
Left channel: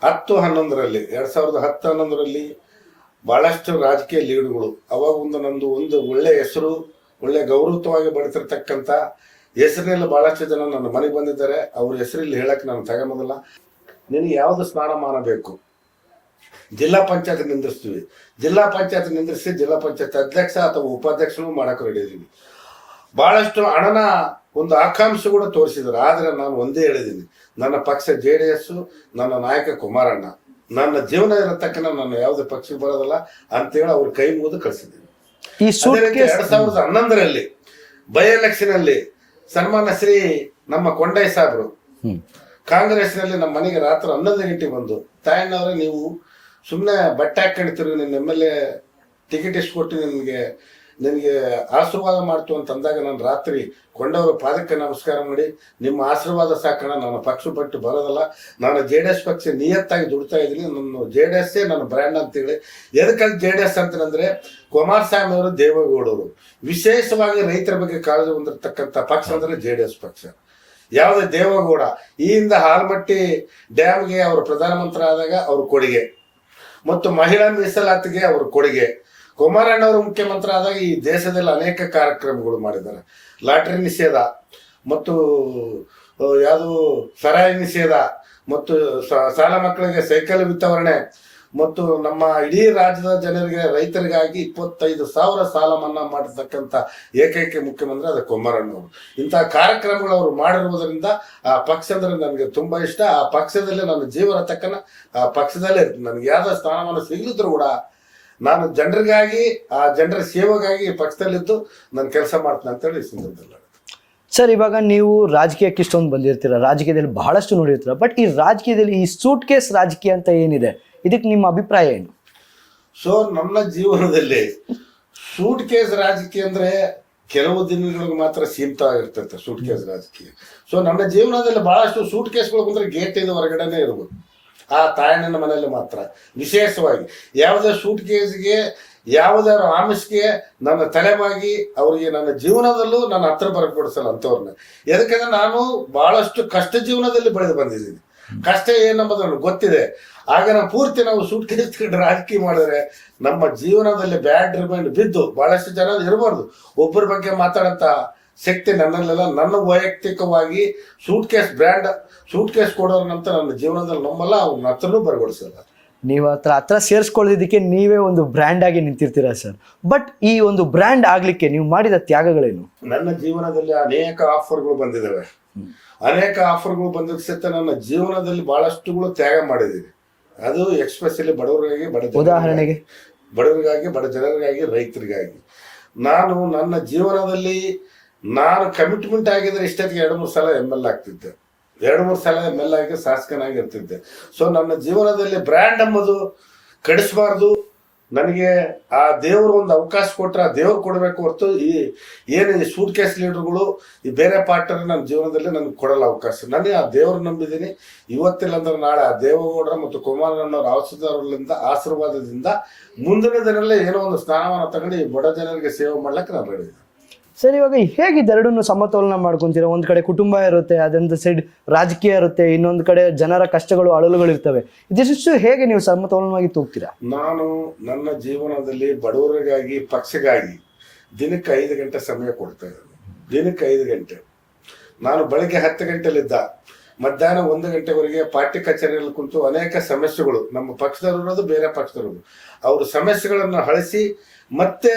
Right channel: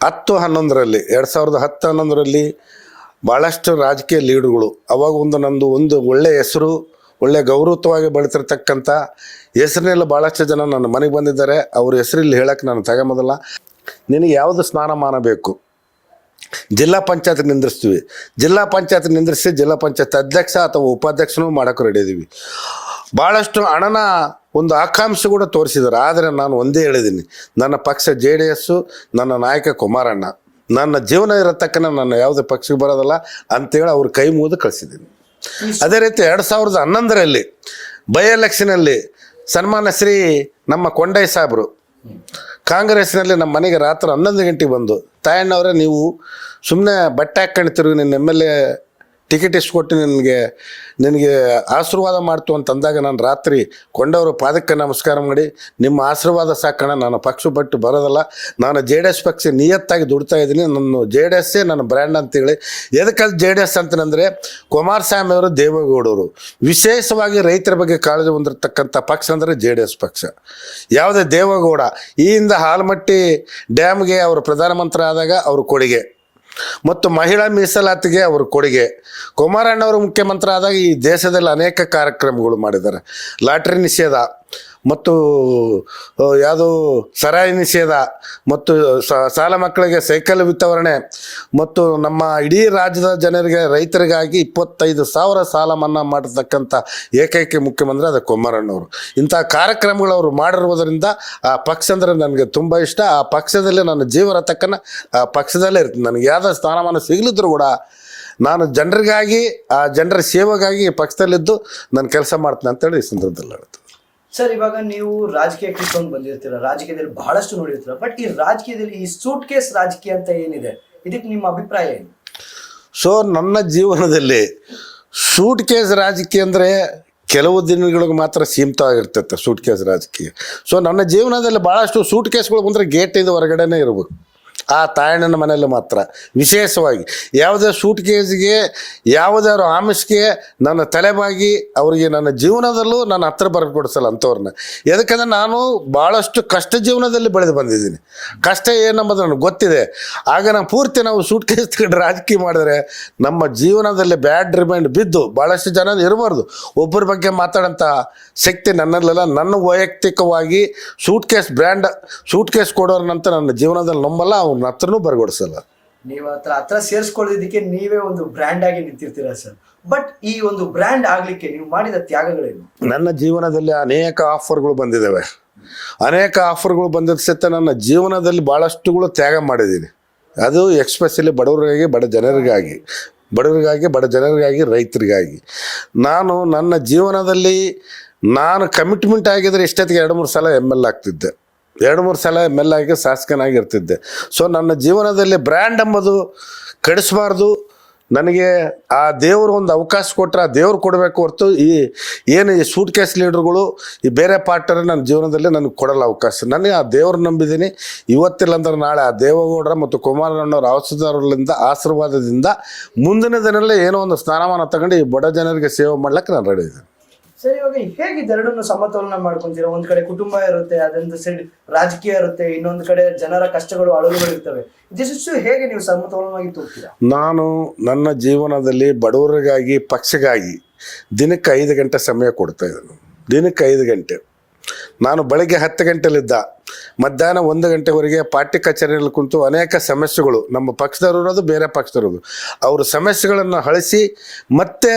2010-11ರಲ್ಲಿ ಭಾಳಷ್ಟು ರಾಜಕೀಯ ಲೀಡುಗಳು. ಅವಾಗ ನಂದು ಒಂದು ಒಳ್ಳೆ ಹೆಸರು, ಒಳ್ಳೆ ಗೌರವವಾಗಿ ಬೆಳೆತಿರ್ತಕ್ಕಂಥ ಹೆಸರಿನೆಲ್ಲ ಭಾಳಷ್ಟು ಜನ ನನ್ನ ಮನೆಗೆ ಬಂದಿದ್ದಾರೆ. ಅವ್ರ ಹೆಸರಲ್ಲಿ ಹೇಳಕ್ಕೆ ನಾನು ತಗೊಂಬೋದಲ್ಲ. ನಿನಗೆ ಯಾವುದು ಸ್ನಾನಮಾನ ಬೇಕು, ಜಿಲ್ಲಾ ಪಂಚಾಯತ್ ನಿಂದ್ರಿಸ್ತೀವಿ. ಜಿಲ್ಲಾ ಪಂಚಾಯತ್ ನಿಂದ್ರಿಸಿ ಜಿಲ್ಲಾ ಪಂಚಾಯತ್ ಅಧ್ಯಕ್ಷ ಅಥವಾ ಉಪಾಧ್ಯಕ್ಷನೂ ಮಾಡೋಕೆ ರೆಡಿ ಇದೀವಿ. ಭಾಳಷ್ಟು ಹಣನ ಒಂದು ಆಕಾಂಕ್ಷೆ ಕೂಡ ತೋರಿಸಿದ್ದಾರೆ. ಆದರೆ ನಾನು ಒಂದೇ ಹೇಳಿದ್ದೀನಿ, ನನ್ನ ಪಕ್ಷ JDS, ನನ್ನ ನಾಯಕ ಕುಮಾರಣ್ಣ, ನನ್ನ ಜೀವನ ಇರತಕ್ಕನ ನನ್ನ ಯಾವುದೇ ಪಕ್ಷಕ್ಕೆ ಬರೋದಲ್ಲ ಅಂತೇಳಿ ಅವ್ರ ಕೈ ಮುಗಿದು ಕಳಿಸಿದ್ದೀನಿ. ಅದೇ ರೀತಿ 2011ರಲ್ಲಿ ಬೈ ಎಲೆಕ್ಷನಲ್ಲಿ ಸನ್ಮಾನ್ಯ ಶ್ರೀ ನಮ್ಮ ಕೊಂಡಯ್ಯ ಸಾಹೇಬರು ಕಾಂಗ್ರೆಸ್ನಲ್ಲಿ ನಮ್ಮ ಮನೆಗೆ ರಾತ್ರಿ 11 ಗಂಟೆಗೆ ಬಂದು, ತಾಯಣ್ಣವರೇ ನೀವು ಸುಮ್ಮನೆ ಬಟ್ಟೆ ಹಾಕ್ಕೊಂಡಿರ್ತೀವಿ, ನಿನ್ನ MLA ಟಿಕೆಟ್ ಎಷ್ಟು ಕೊಟ್ಟು ನಿನಗೆ ಆಶೀರ್ವಾದ ಮಾಡ್ತು ಅಂತಂದಾಗ ನಾನು ರಾತ್ರಿ ಕೊಂಡವರು ಪಾದಕ್ಕೆ ನಮಸ್ಕಾರ ಮಾಡಿ, ನಿಮ್ಮ ಆಶೀರ್ವಾದ ಸಾಕಣ, ನಾನು ಪಕ್ಷ ಬಿಟ್ಟು ಬರೋದಲ್ಲ, ನಾನು JDS ಪಕ್ಷ ನಿಯತ್ತಾಗಿ ದುಡ್ತಾ ಇದ್ದೀನಿ, ನನ್ನ JDS ನನ್ನ ಬ್ರ್ಯಾಂಡ್ ಅಂತೇಳಿ. ಎದಕ್ಕಲ್ಲಿ JDS ಅಂತಂದರೆ ಕುಮಾರಸ್ವಾಮಿ ಅವರು, ದೇವೇಗೌಡರು ವಿಶೇಷವಾಗಿ ರೈತರ ಬಗ್ಗೆ ಕಾಳಜಿ ಹೊಂದಿರತಕ್ಕಂಥ ಪಕ್ಷ ಅಂದರೆ JDS ಪಕ್ಷ. ಯಾವುದೇ ದೇವೇಗೌಡ ಈ ಹಿಂದೆ ಹಾಲ್ಮಟ್ಟಿ ಡ್ಯಾಮ್ಗೆ ಅವರು ಪ್ರಧಾನಮಂತ್ರಿ ಆದಾಗ ಅವ್ರ ಕೊಡುಗೆ, ಮತ್ತು ಮಹಿಳಾ ಮೀಸಲಾತಿಗೆ ಅವ್ರ ಕೊಡುಗೆ, ಕುಮಾರಣ್ಣವರು ಮುಖ್ಯಮಂತ್ರಿ ಆದಾಗ ಈ ದೇಶದಲ್ಲಿ ಅನೇಕ ಕಾರ್ಯಕ್ರಮಗಳು ಮಾಡಿದ್ದಾರೆ. ಲಾಟ್ರಿ ನಿಷೇಧ ಮತ್ತು ಯಾವುದು ಸರಾಯಿ ನಿಷೇಧ ಮತ್ತು ಸಾಲ ಮಕ್ಕಳಿಗೆ ಸೈಕಲ್ ವಿತರಣೆ ಮತ್ತು ನಮ್ಮ ಇಡೀ ರಾಜ್ಯದ ಜನರಿಗೆ ರೈತರಿಗಾಗಿ 25,000 ಸಾಲ ಮನ್ನಾ ಮಾಡಿರ್ತಕ್ಕಂಥ ಏಕೈಕ ಮುಖ್ಯಮಂತ್ರಿ ಅದು ಕುಮಾರಣ್ಣವರು. ಇಂಥ ಕಾರ್ಯಕ್ರಮಗಳು ಅವರು ಮಾಡಿರುವುದರಿಂದ ಆ ಪಕ್ಷ ಅಂದರೆ ನನಗೆ ತುಂಬ ಇಷ್ಟ. ಆ ಪಕ್ಷದಲ್ಲಿ ನನ್ನ ಜೀವನ ತಕ್ಕನ ಆ ಪಕ್ಷದಲ್ಲೇ ಇರ್ತೀನಿ. ನನಗೆ ಯಾವುದೇ ಸ್ಥಾನಮಾನ ಸಿಗಲಿದ್ರು ಕೂಡ ನಾನು ಜನರಿಗಾಗಿ, ಆ ಜನರ ಸೇವೆಗಾಗಿ ಪಕ್ಷದಲ್ಲಿದ್ದು ನಾನು ಕೆಲಸ ಮಾಡ್ತೀನಿ ಅಂತೇಳಿ ಈ ಸಂದರ್ಭದಲ್ಲಿ ಹೇಳ್ತೀನಿ. ಸರ್, ಇವಾಗ ನೀವು ರಾಜಕೀಯಕ್ಕೆ ಇಷ್ಟೊಂದು ಬಂದಿರ್ತೀರ, ರಾಜಕೀಯದಲ್ಲಿ ಬಹಳಷ್ಟು ನೋಡಿರ್ತೀರ, ಬಟ್ ಈ ರಾಜಕೀಯದಲ್ಲಿ ಈ ಸೂಟ್ ಕೇಸ್ ರಾಜಕೀಯ ಅಂತ ಏನಿದೆ, ಇದಕ್ಕೆ ನಿಮ್ಮ ಅಭಿಪ್ರಾಯ ಏನು? ಸೊ ನನ್ನ ಜೀವನದಲ್ಲಿ ಸೂಟ್ ಕೇಸ್ ರಾಜಕೀಯ ಅಂದರೆ ಕೆಲವು ದಿನಗಳಿಗೆ ಮಾತ್ರ ಸೀಮಿತವಾಗಿರ್ತೈತೆ ಸೂಟ್ ಕೇಸ್ ರಾಜಕೀಯ. ಸೊ ನನ್ನ ಜೀವನದಲ್ಲಿ ಭಾಳಷ್ಟು ಸೂಟ್ ಕೇಸ್ಗಳು ಬಂದರೆ ಗೇಟಿಂದ ಹೊರಗಡೆನೇ ಇರಬೇಕು. ಆ ತಾಯಣ್ಣನ ಮನೆಯಲ್ಲಿ ಮಾತ್ರ ವಿಶೇಷವಾಗಿ ಯಾವುದೇ ಸೂಟ್ ಕೇಸ್ಗೆ, ಯಾವುದೇ ಆಮಿಷ್ಗೆ ನನ್ನ ತಲೆಬಾಗಿ ಅವರಿಗೆ ನನ್ನ ಜೀವನದಲ್ಲೂ ನಾನು ಹತ್ರ ಬರಕೊಡಿಸಲ್ಲ ಅಂಥವ್ರನ್ನ. ಯಾಕಂದರೆ ನಾನು ಭಾಳಷ್ಟು ಕಷ್ಟ ಜೀವನದಲ್ಲಿ ಬೆಳೆದು ಬಂದಿದ್ದೀನಿ. ಕಷ್ಟ ಏನಂಬುದು ನನಗೆ ಗೊತ್ತಿದೆ. ಆಗ ನಾವು ಪೂರ್ತಿ ನಾವು ಸೂಟ್ ಕೇಸ್ ತಗೊಂಡು ರಾಜಕೀಯ ಮಾಡಿದ್ರೆ ನಮ್ಮ ಜೀವನದಲ್ಲಿ ಬ್ಯಾಡ್ ರಿಮೈಂಡ್ ಬಿದ್ದು ಭಾಳಷ್ಟು ಜನ ಇರಬಾರ್ದು. ಒಬ್ಬರ ಬಗ್ಗೆ ಮಾತಾಡೋಂಥ ಶಕ್ತಿ ನನ್ನಲ್ಲೆಲ್ಲ. ನನ್ನ ವೈಯಕ್ತಿಕವಾಗಿ suitcase brand, suitcase ಕೊಡೋರ್ನಂತ ನನ್ನ ಜೀವನದಲ್ಲಿ ನಂಬಲ್ಲ, ಅವ್ನ ಹತ್ರನೂ ಬರಗೊಡಿಸಲ್ಲ. ನೀವು ಹತ್ರ ಸೇರಿಸ್ಕೊಳ್ಳೋದಕ್ಕೆ ನೀವೇ ಒಂದು ಬ್ರ್ಯಾಂಡ್ ಆಗಿ ನಿಂತಿರ್ತೀರಾ ಸರ್. ಬಟ್ ಈ ಒಂದು ಬ್ರ್ಯಾಂಡ್ ಆಗ್ಲಿಕ್ಕೆ ನೀವು ಮಾಡಿದ ತ್ಯಾಗಗಳೇನು? ನನ್ನ ಜೀವನದಲ್ಲಿ ಅನೇಕ ಆಫರ್ಗಳು ಬಂದಿದ್ದಾವೆ. ಅನೇಕ ಆಫರ್ಗಳು ಬಂದಿದ್ದ ಸಹಿತ ನನ್ನ ಜೀವನದಲ್ಲಿ ಭಾಳಷ್ಟುಗಳು ತ್ಯಾಗ ಮಾಡಿದ್ದೀನಿ. ಅದು ಎಕ್ಸ್ಪೆಷಲಿ ಬಡವರಿಗಾಗಿ, ಬಡ ಜನರಿಗಾಗಿ, ರೈತರಿಗಾಗಿ. ನಾನು ನನ್ನ ಜೀವನದಲ್ಲಿ ನಾನು ಕಮಿಟ್ಮೆಂಟ್ ಆಗಿದ್ರೆ ಇಷ್ಟೊತ್ತಿಗೆ 2-3 ಸಲ ML ಆಗ್ತಿದ್ದೆ, 2-3 ಸಲ ML ಆಗಿ ಶಾಸಕನಾಗಿ ಇರ್ತಿದ್ದೆ. ಸೊ ನನ್ನ ಜೀವನದಲ್ಲಿ ಬ್ರ್ಯಾಂಡ್ ಎಂಬುದು ಕೆಡಿಸಬಾರ್ದು. ನನಗೆ ಆ ದೇವರು ಒಂದು ಅವಕಾಶ ಕೊಟ್ಟರೆ ಆ ದೇವ್ರು ಕೊಡಬೇಕು ಹೊರತು ಈ ಸೂಟ್ ಕೇಸ್ ಲೀಡರ್ಗಳು, ಈ ಬೇರೆ ಪಾರ್ಟರ್ ನನ್ನ ಜೀವನದಲ್ಲಿ ನನಗೆ ಕೊಡಲ್ಲ ಅವಕಾಶ. ನನಗೆ ಆ ದೇವ್ರು ನಂಬಿದ್ದೀನಿ. ಇವತ್ತಿಲ್ಲ ಅಂದ್ರೆ ನಾಳೆ ಆ ದೇವೇಗೌಡರ ಮತ್ತು ಕುಮಾರಣ್ಣವ್ರ ಆಶೀರ್ವಾದದಿಂದ ಮುಂದಿನ ದಿನದಲ್ಲಿ ಏನೋ ಒಂದು ಸ್ಥಾನಮಾನ ತಗೊಂಡು ಈ ಬಡ ಜನರಿಗೆ ಸೇವೆ ಮಾಡ್ಲಿಕ್ಕೆ ನಾನು ರೆಡಿ ಇದ್ದೀನಿ. ಸರ್, ಇವಾಗ ಹೇಗಿದೆ ಎರಡನ್ನೂ ಸಮತೋಲನ ಮಾಡ್ಕೊಂತೀರಾ? ಒಂದ್ ಕಡೆ ಕುಟುಂಬ ಇರುತ್ತೆ, ಅದೊಂದು ಸೈಡ್ ರಾಜಕೀಯ ಇರುತ್ತೆ, ಇನ್ನೊಂದು ಕಡೆ ಜನರ ಕಷ್ಟಗಳು, ಅಳಲುಗಳು ಇರ್ತವೆ. ಇದಿಷ್ಟು ಹೇಗೆ ನೀವು ಸಮತೋಲನವಾಗಿ ತೂಗ್ತೀರಾ? ನಾನು ನನ್ನ ಜೀವನದಲ್ಲಿ ಬಡವರಿಗಾಗಿ, ಪಕ್ಷಗಾಗಿ ದಿನಕ್ಕೆ 5 ಗಂಟೆ ಸಮಯ ಕೊಡ್ತಾ ಇದ್ದೇನೆ. ದಿನಕ್ಕೆ 5 ಗಂಟೆ. ನಾನು ಬೆಳಗ್ಗೆ 10 ಗಂಟೆಲಿದ್ದ ಮಧ್ಯಾಹ್ನ 1 ಗಂಟೆವರೆಗೆ ಪಾರ್ಟಿ ಕಚೇರಿಯಲ್ಲಿ ಕುಂತು ಅನೇಕ ಸಮಸ್ಯೆಗಳು, ನಮ್ಮ ಪಕ್ಷದವರಿರೋದು ಬೇರೆ ಪಕ್ಷದವರದು, ಅವ್ರ ಸಮಸ್ಯೆಗಳನ್ನು ಅಳಿಸಿ ಮತ್ತೆ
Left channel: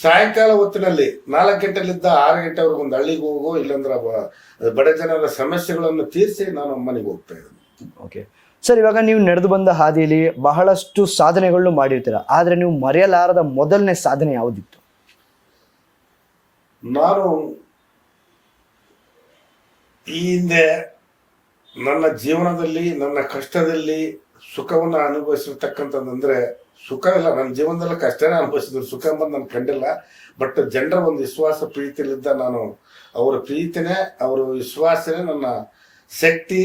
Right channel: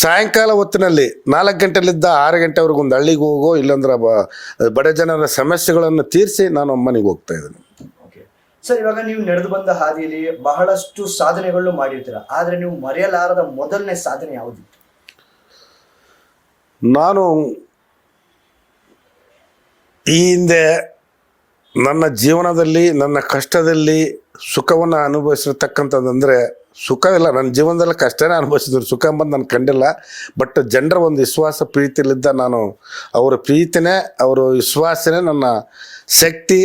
ಸಾಯಂಕಾಲ ಹೊತ್ತಿನಲ್ಲಿ 4 ಗಂಟೆಲಿದ್ದ 6 ಗಂಟೆವರೆಗೂ ಒಂದು ಹಳ್ಳಿಗೆ ಹೋಗೋ, ಇಲ್ಲಾಂದ್ರೆ ಬಡ ಜನರ ಸಮಸ್ಯೆಗಳನ್ನು ತೀರಿಸಿ ನಾನು ಮನೆಗೆ ಹೋಗ್ತಾ ಇದ್ದೀನಿ. ಓಕೆ ಸರ್, ಇವಾಗ ನೀವು ನಡೆದು ಬಂದ ಹಾದಿಯಲ್ಲಿ ಬಹಳಷ್ಟು ಸಾಧನೆಗಳನ್ನು ಮಾಡಿರ್ತೀರ, ಆದರೆ ನೀವು ಮರೆಯಲಾರದ ಮೊದಲನೇ ಸಾಧನೆ ಯಾವುದಿತ್ತು? ನಾನು ಈ ಹಿಂದೆ ನನ್ನ ಜೀವನದಲ್ಲಿ, ನನ್ನ ಕಷ್ಟದಲ್ಲಿ ಸುಖವನ್ನು ಅನುಭವಿಸಿರ್ತಕ್ಕಂಥದ್ದಂದರೆ, ಸುಖ ಇಲ್ಲ, ನನ್ನ ಜೀವನದಲ್ಲಿ ಕಷ್ಟನೇ ಅನುಭವಿಸಿದ್ರು, ಸುಖ ಎಂಬುದು ನಾನು ಕಂಡಿಲ್ಲ. ಬಟ್ ಜನರ ಒಂದು ವಿಶ್ವಾಸ, ಪ್ರೀತಿಲಿದ್ದ ನಾನು ಅವರ ಪ್ರೀತಿನೇ, ಅವರ ವಿಶ್ವಾಸನೇ ನನ್ನ ಶಕ್ತಿ.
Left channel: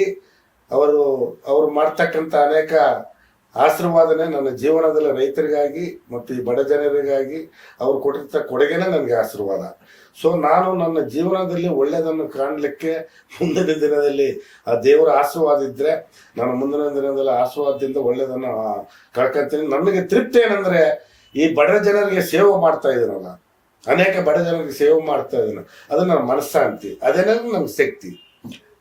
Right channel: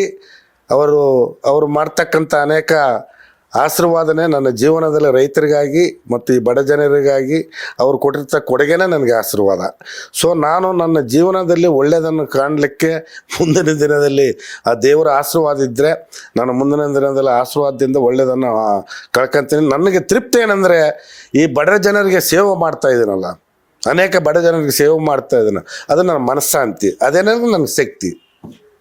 ಅವರು ಮಾಡ್ತಕ್ಕಂಥ ಅನೇಕ ಆಶೀರ್ವಾದನೆ ನನ್ನ ಜೀವನದಲ್ಲಿ ರೈತರಿಗಾಗಿ ಮತ್ತು ಈ ಬಡ ಜನರಿಗಾಗಿ ಅವ್ರು ಕೊಟ್ಟಿರ್ತ ಕೊಡುಗೆನೇ ನನಗೆ ಆಶೀರ್ವಾದ. ಸೊ ನಾನು ನನ್ನ ಜೀವನದಲ್ಲಿ ಒಳ್ಳೆಯದನ್ನು ಕಾಣಲಿಕ್ಕೆ ಮುಂದಿನ ದಿನದಲ್ಲಿ ಆ ದೇವರ ಆಶೀರ್ವಾದ ಇದ್ದರೆ ನಾನು ಮುಂದಿನ ದಿನದಲ್ಲಿ ಆಶೀರ್ವಾದದಿಂದ ಒಳ್ಳೆಯದನ್ನು ಕಳ್ಕೊತೀನಿ. ನನಗೆ ತೃಪ್ತಿ ಏನಂದರೆ ಈ ಬಡ ಜನರಿಗೆ ಸೇವೆ ಮಾಡ್ತಾ ಇದ್ದೀನಲ್ಲ, ಅನೇಕ ಬಡ ಜನರಿಗೆ ಸೇವೆ ಮಾಡ್ತಾ ಇದ್ದೀನಿ, ಅದು ನನ್ನ ಮನಸ್ಸಾಂತಿ, ಅದೇನಾದ್ರೂ ನನಗೆ ಶಕ್ತಿ.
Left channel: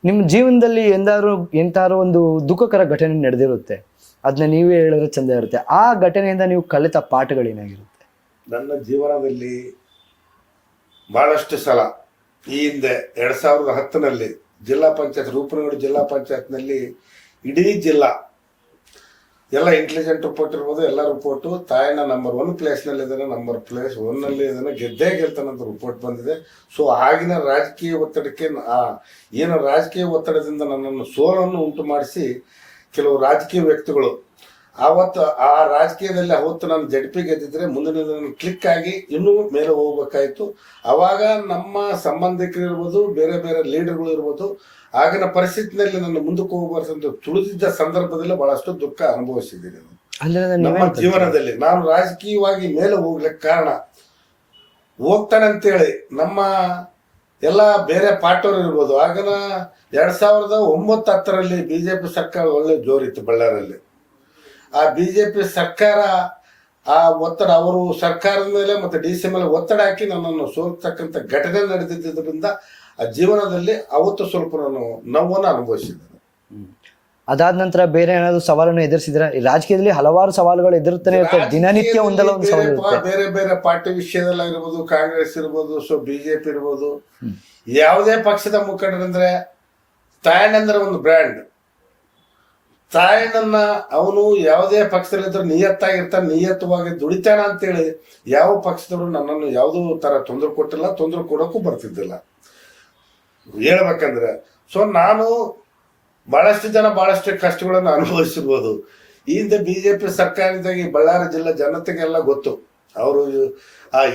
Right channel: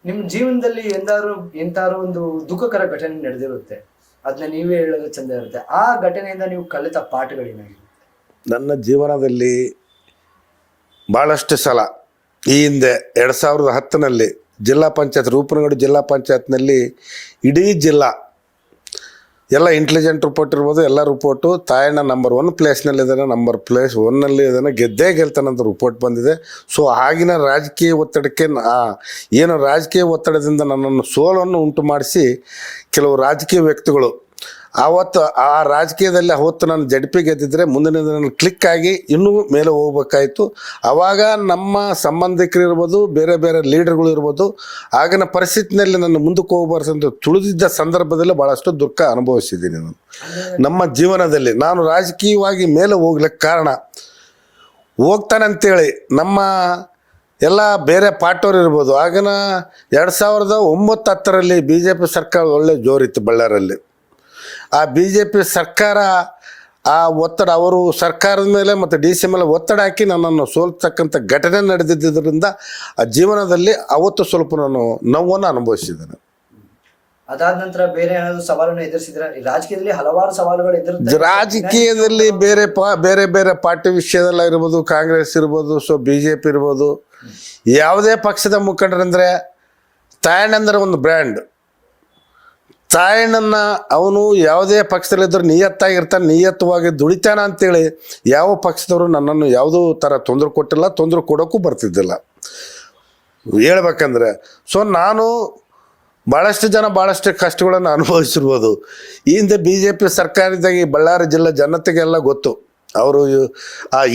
ನಿಮ್ಮ ಜೀವನದಲ್ಲಿ ಎಂದಾರು ಒಂದು ದುಃಖಕರ ಘಟನೆ ನಡೆದಿರುತ್ತೆ, ಅದನ್ನ ನೀವೇ ಹೇಳಿದ್ರೆ ಚಂದ ಇರುತ್ತೆ. ಆ ಘಟನೆಯಿಂದ ನೀವು ಕಲಿತ ಪಾಠಗಳೇನಾಗಿರುತ್ತೆ? ನನ್ನ ಜೀವನದಲ್ಲಿ ಭಾಳಷ್ಟು ಸಲ ಈ ಹಿಂದೆ 2010ನಲ್ಲಿ ಜಿಲ್ಲಾ ಪಂಚಾಯತ್ ರೂಪನಗೌಡ ಜಿಲ್ಲಾ ಪಂಚಾಯತ್ನಲ್ಲಿ ಇಡೀ ಜಿಲ್ಲಾ ಎಲ್ಲ ಇಂಟೆಲಿಜೆಂಟ್ ರಿಪೋರ್ಟ್ ಇರ್ಬೋದು, ಎಲ್ಲ ರಿಪೋರ್ಟು ತಾಯಣ್ಣ ನಂಬರ್ 1 ಪ್ಲೇಸ್ನಲ್ಲಿದ್ದಾನೆ, ನಂಬರ್ ಪ್ಲೇಸ್ 1ನಲ್ಲಿ ಇದ್ದಾನೆ, ಗೆದ್ದೇ ಗೆಲ್ತಾನಂತ ರಿಪೋರ್ಟ್ ಬಂದಿದೆ. ಸೊ ಆಗಿನ ರಾಜಕೀಯ ಒತ್ತಡಕ್ಕೆ ಏನು ರಾಜಕೀಯ ಒತ್ತಡದಿಂದ ನನ್ನನ್ನು ಸೋಲನ್ನು ಉಂಟು ಮಾಡಿಸಿ ಕೆಲವು ರಾಜಕೀಯ ವ್ಯಕ್ತಿಗಳು ಆವತ್ತು ಆ ರಾಜಕೀಯದಲ್ಲಿ ಅವತ್ತು ನಾನು ಜಡ್ಪಿ ಗೆದ್ದಿದ್ರೆ ಮುಂದಿನ ದಿನ ಕ್ಲಿಕ್ ಆಗಿ ಇನ್ನೂ ಮೇಲೆ ಹೋಗ್ಬೇಕಾಯ್ತು. ಆವಾಗ ನಮ್ಮ ಸಂಬಂಧಿಕರು ಇರ್ಬೋದು, ಬೇರೆ ಬೇರೆ ಲೀಡರ್ಗಳು ಇರ್ಬೋದು, ಆಗಿನ ಪರಿಸ್ಥಿತಿನಲ್ಲಿ ನನ್ನ ಮುಂದಕ್ಕೆ ಹೋಗ್ಬಾರ್ದು ತುಳಿದಿದ್ದ ಸಂದರ್ಭದಲ್ಲಿ ಭಾಳಷ್ಟು ದುಃಖ ಅನುಭವಿಸಿದ್ದೀನಿ ನಾನು ನಮ್ಮ ಜೀವನದಲ್ಲಿ. ನಾನು ರಾಜಕೀಯವಾಗಿ ಮೇಲೆ ಹೋಗ್ಲಿಕ್ಕೆ ಕಾರಣ ಹೋಗ್ತಾನೆ ಅಂತೇಳಿ ನಮ್ಮ ಎಲ್ಲ ಬೇರೆ ಪಾರ್ಟಿಯವ್ರು ಇರ್ಬೋದು. ಆಗಿನ 2009-10ರಲ್ಲಿ BJP ಸರ್ಕಾರ ಒಳ್ಳೆ ಜೋರಿತ್ತು ಬಳ್ಳಾರಲ್ಲಿ. ಆ BJP ಸರ್ಕಾರ ಆ ಒತ್ತಡ, ಅವರು ಸರ್ಕಾರದ ಮೇಲೆ ಮತ್ತು DC ಮೇಲೆ ಒತ್ತಡ ಹಾಕಿ ನನ್ನನ್ನು ಸೋಲ್ತಕ್ಕಂಥ ಘಟನೆ ನಡೆದಿದ್ದರಿಂದ ಆ ಜೀವನದಲ್ಲಿ ಅವತ್ತು ಸ್ವಲ್ಪ ನಾನು ನೋವನ್ನು ಅನುಭವಿಸಿದ್ದೇನೆ. ಅದಾದ ನಂತರ ಬೇರೆ ಏನಾದ್ರು ಸವಾಲನ್ನು ಎದುರಿಸಿದ್ರೆ? ರಾಜಕೀಯದಲ್ಲಿ ಹಲವಾರು ಸವಾಲುಗಳು ಎದುರುತ್ತೆ. ರಾಜಕೀಯದಲ್ಲಿ ಬೇರೆ ಬೇರೆ ಪಾರ್ಟಿ ವಿಷಯದಲ್ಲ ಇರ್ಬೋದು, ಕಾಂಗ್ರೆಸ್ ಇರ್ಬೋದು, ಸೊ BJP ಇರ್ಬೋದು, ಯಾವುದೇ ಪಕ್ಷದ ಮುಖಂಡರಂದ್ರೆ ತಾಯಣ್ಣಂದ್ರೆ ಒಂದು ಬ್ರ್ಯಾಂಡ್. ತಾಯಣ್ಣನ ಅವನು ಯಾವುದೇ ಪಕ್ಷದಲ್ಲಿದ್ದರೂ ನಿಯತ್ತಾಗಿರ್ತಾನೆ, ನಿಯತ್ತವಾಗಿ ದುಡಿತಾನ ಅಂತೇಳಿ ಯಾವ ಪಕ್ಷದವರು ನನ್ನನ್ನು ಯಾವುದೋ ಥರ ತೊಂದರೆ ಕೊಟ್ಟಿಲ್ಲ, ತೊಂದರೆ ಕೊಡೋಕ್ಕೂ ಬರ್ತಿದ್ದಿಲ್ಲ ಹೇಳ್ಬೇಕಂದ್ರೆ. ಸೊ ನಾನು ಭಾಳಷ್ಟು ಜನ ಭಾಳಷ್ಟು ಕಷ್ಟಗಳನ್ನು ಅನುಭವಿಸಿರ್ಬೋದು. ಈ ಹಿಂದೆ BJP ಸರ್ಕಾರದಾಗ ಈ ಬಳ್ಳಾರಿ ಜಿಲ್ಲೆ ಜನತೆಗೆಲ್ಲ ಗೊತ್ತು. ಅವರು